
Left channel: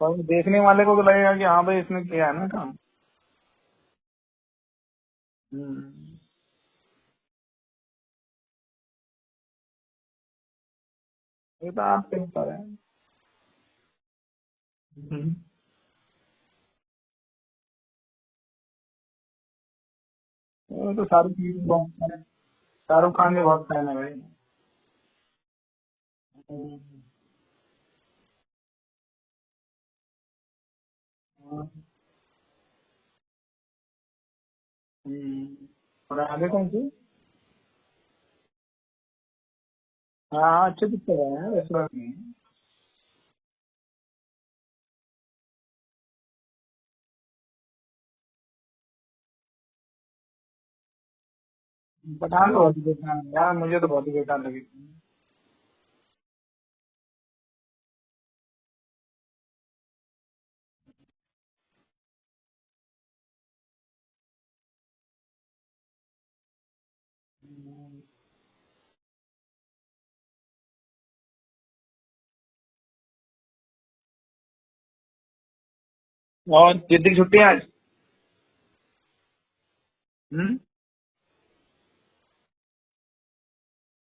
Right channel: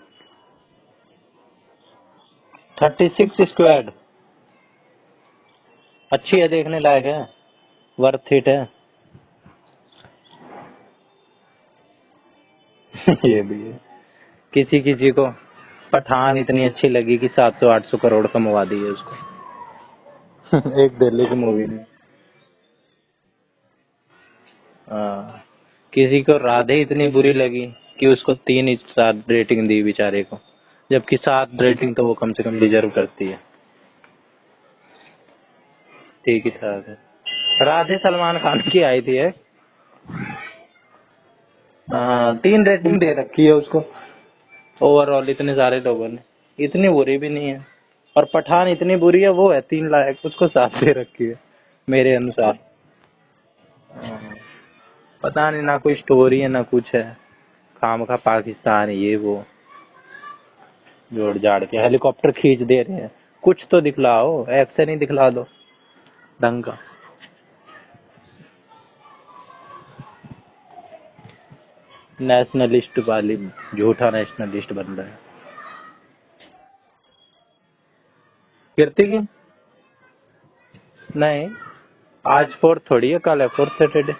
तो देखने वाले को तो लगेगा कि हाँ भाई इसने किया है ना काम। 36 स्क्वाड हम्म, अच्छी है, देखने लायक है, वर्थ इट है। ये तो आपके ऊपर है। ये भी है। किसी किसी को पठान इतनी अच्छी लगी कि 700-800 करोड़ कमवा दिए उसको। वो एक तो दिल्ली की मूवी ने। शाहरुख खान के बहुत फैन है भाई। हाँ। किसी को राधे इतनी बुरी लगी कि उसको 3 स्टार रेटिंग दी बेचारे को, जबकि 7 रेटिंग तो वो कम से कम डिजर्व करती है। और ठीक आगे ही कौन साथ सी? है। राधे सलमान खान की आई थी है। हाँ अच्छे पिक्चर है इसमें। हाँ, 3 रेटिंग दे रखी है उसको ओवरऑल इतने सारे लोगों ने। इतनी बुरी भी नहीं है। और पठान इतनी बुरी है, वो है 3 लायक, उसको 7 दे रखी है मेरे पठान अनुसार। बहुत ही बेकार है यार, मुझे तो बहुत ही बेकार लगी। पता नहीं, ना कोई स्टोरी है ना कुछ है, खामखा पाकिस्तान ये वो जोड़ जाड़ के हेलीकॉप्टर खींच दे रहे हैं। कुछ तो दिखलाओ, एक्शन ही दिखला दो ढंग का। नेशनलिस्ट वाली, झूठा नेशनलिस्ट बन रहा है। और जितनी छुट्टी आज। कीर्ति की हम्म? नहीं, आज फोर्थ थोड़ी है, कल है फोर्थ सैटरडे।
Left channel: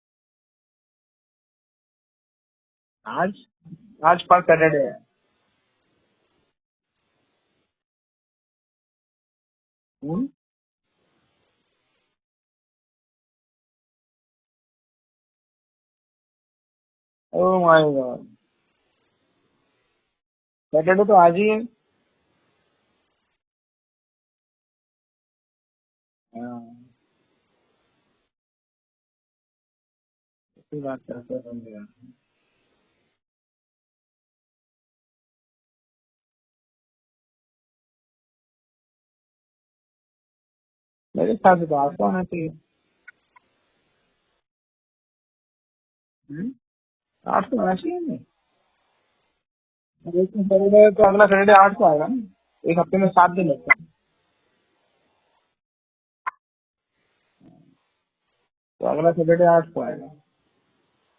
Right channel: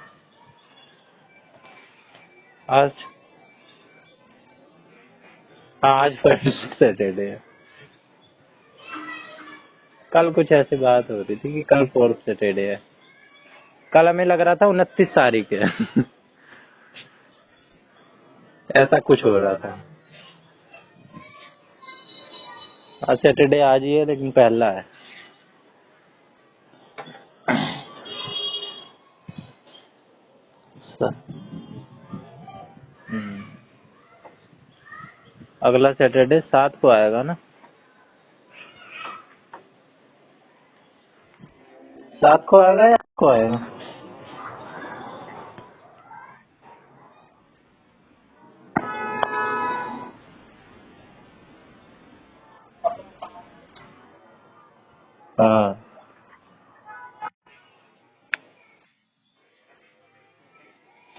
आज, आज आज पर सैटरडे है। हाँ आज फर्स्ट सैटरडे है। हम्म? कल कुछ ऐसी बात हो रही थी कि कल फोर्थ सैटरडे है। कल हमें लग रहा था 29 तारीख है। ओह माय गॉड, ऐसा कुछ हो रहा था। सैटरडे तो आज ही है। आज सैटरडे आज ही है, लेकिन पहला है। हाँ, अच्छी बात है। हम्म। अगला सैटरडे 7 को आएगा ना। मेरे ख्याल से तो 8 को आना 7 चाहिए। को आएगा या 8 को आएगा? 8 को आना चाहिए नहीं, लेकिन सैटरडे तो अगला सैटरडे 8 को आएगा ना, एक हफ्ते में 7 दिन लगता है, हाँ तो अगला सैटरडे 8 को आएगा।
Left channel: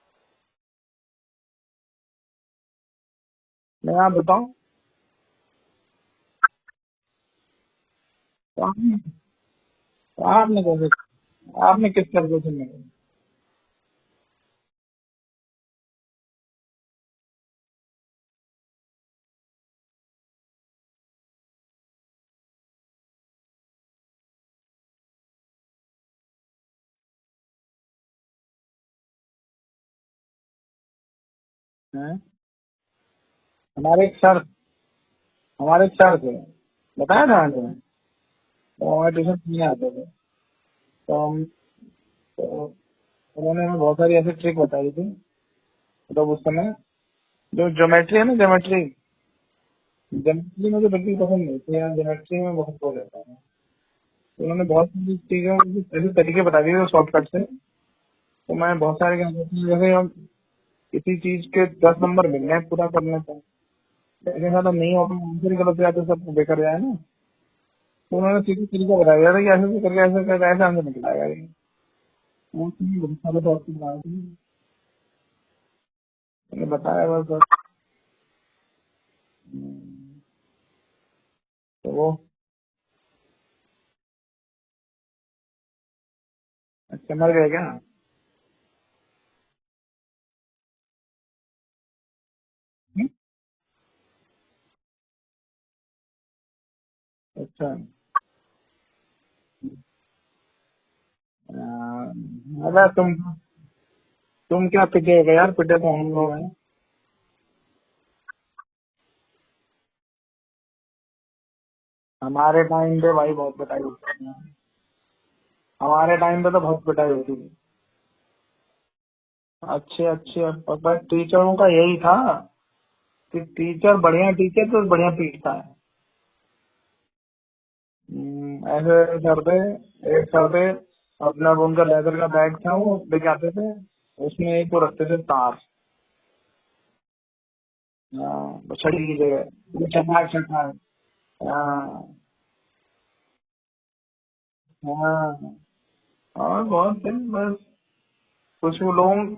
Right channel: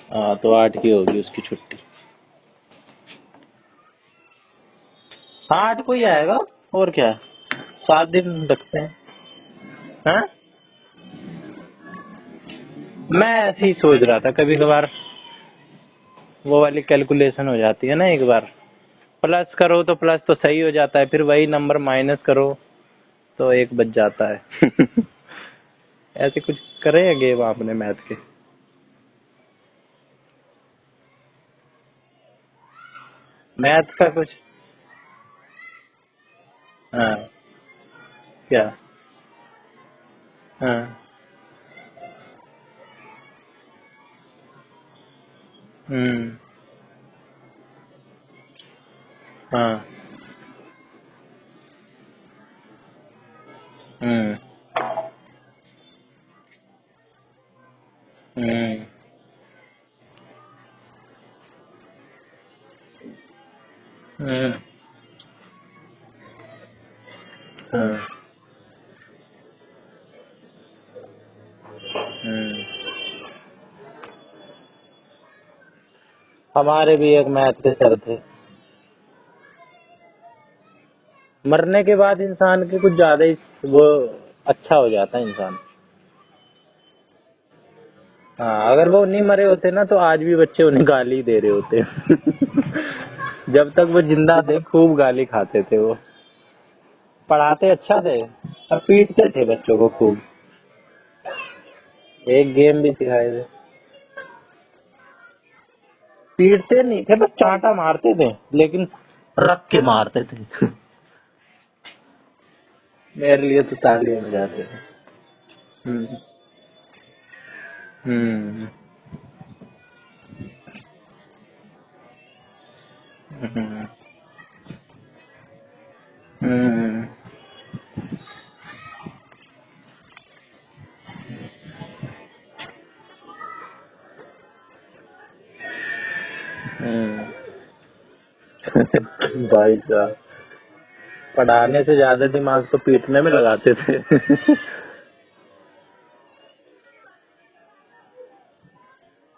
हाँ, तो 8 की होगी उसकी छुट्टी। मैं आप बताऊं, हाँ 8 को ही आएगा, और क्या, 7 दिन तो रखते हैं। हाँ? आपने कैसे, आपने किस तरह से मैं ऐसे ही सोच रहा था, कभी कभार वो वाली कैलकुलेशन हो जाती है ना, एक बार प्लस करो तो प्लस तो सही हो जाता है, फिर वही नंबर माइनस करो तो 1 बच जाता है। ऐसे कुछ करे हैं गेम आपने मैथ के? हैं? मैथ हमारे का एक कुछ? सर, हमारे एक सर थे, बताया हाँ, था आपको, क्या? तो हमारे ट्यूशन नहीं आते थे, हाँ। तो हम, तो उन्होंने हमें बहुत सारी ऐसी ट्रिक बताई थी। तो उस समय जो ज्योमेट्री है ना, ज्योमेट्री, हाँ। ज्योमेट्री मुझे बिल्कुल पसंद नहीं थी यार, ज्योमेट्री में बहुत हो रहता है। तो उन्होंने बहुत सारी चीजें ऐसे तरीके बता दिए शॉर्टकट से, तो मैं बहुत सारे क्या करता हूँ, जैसे हम किसी चीज के 10 नंबर मिल रहे हैं पूरा करने का, तो मैंने कहा था नहीं हो आंसर ही गलत जाए तो सब बेकार जाए ना, तो उन्होंने सीधे तरीका बता दिया था कि ऐसे से करके ऐसे करके ऐसे आंसर निकल आएगा ये। तो उसमें बहुत सारे शॉर्टकट बनाए थे, तो हमारे बताया भी हुआ एक था। मैथ के सर थे। मरने के वो बाद इंसान के कुछ ज्यादा ही वो अच्छा हो जाता है इंसान। अच्छा मर गए क्या? हाँ, अगर वो नहीं मरे होते ना तो आज भी बच्चे उन्हें गाली दे रहे होते। जब तक वो जिंदा थे खूब गाली खाते थे वो। पढ़ाते अच्छा, अच्छा थे और पीटते थे बच्चों को खूब। एक गेम अरे भी सिखाए थे। तुम क्या पिटेगा यार, पिटे तो हम लोग हैं। पीटते नहीं थे, बस चांटा मारते थे, लेकिन रख के मारते थे। हमारे टाइम पे भाई मेरे बहुत लिए तो पिटाई होती तालियां थी, बजाते थे। हमारे टाइम पे तो बहुत पिटाई होती थी। हम्म। अच्छे अच्छे, पर टीचरों का यही था कि टीचर बढ़िया टीचर तो बढ़िया पीटता है। हम्म। ऐसे सर थे, एक सर थे, अपना वो उनका लेदर का बैग था, वो लेके आते थे, उसमें एक वो रखते थे तार, तो छड़ी की भाई जगह साहब, चटाक चटाक। पढ़ाने से ज्यादा दिमाग तो पीटने में लगाते थे। हाँ, और बहुत थे, बस कुछ वो लोग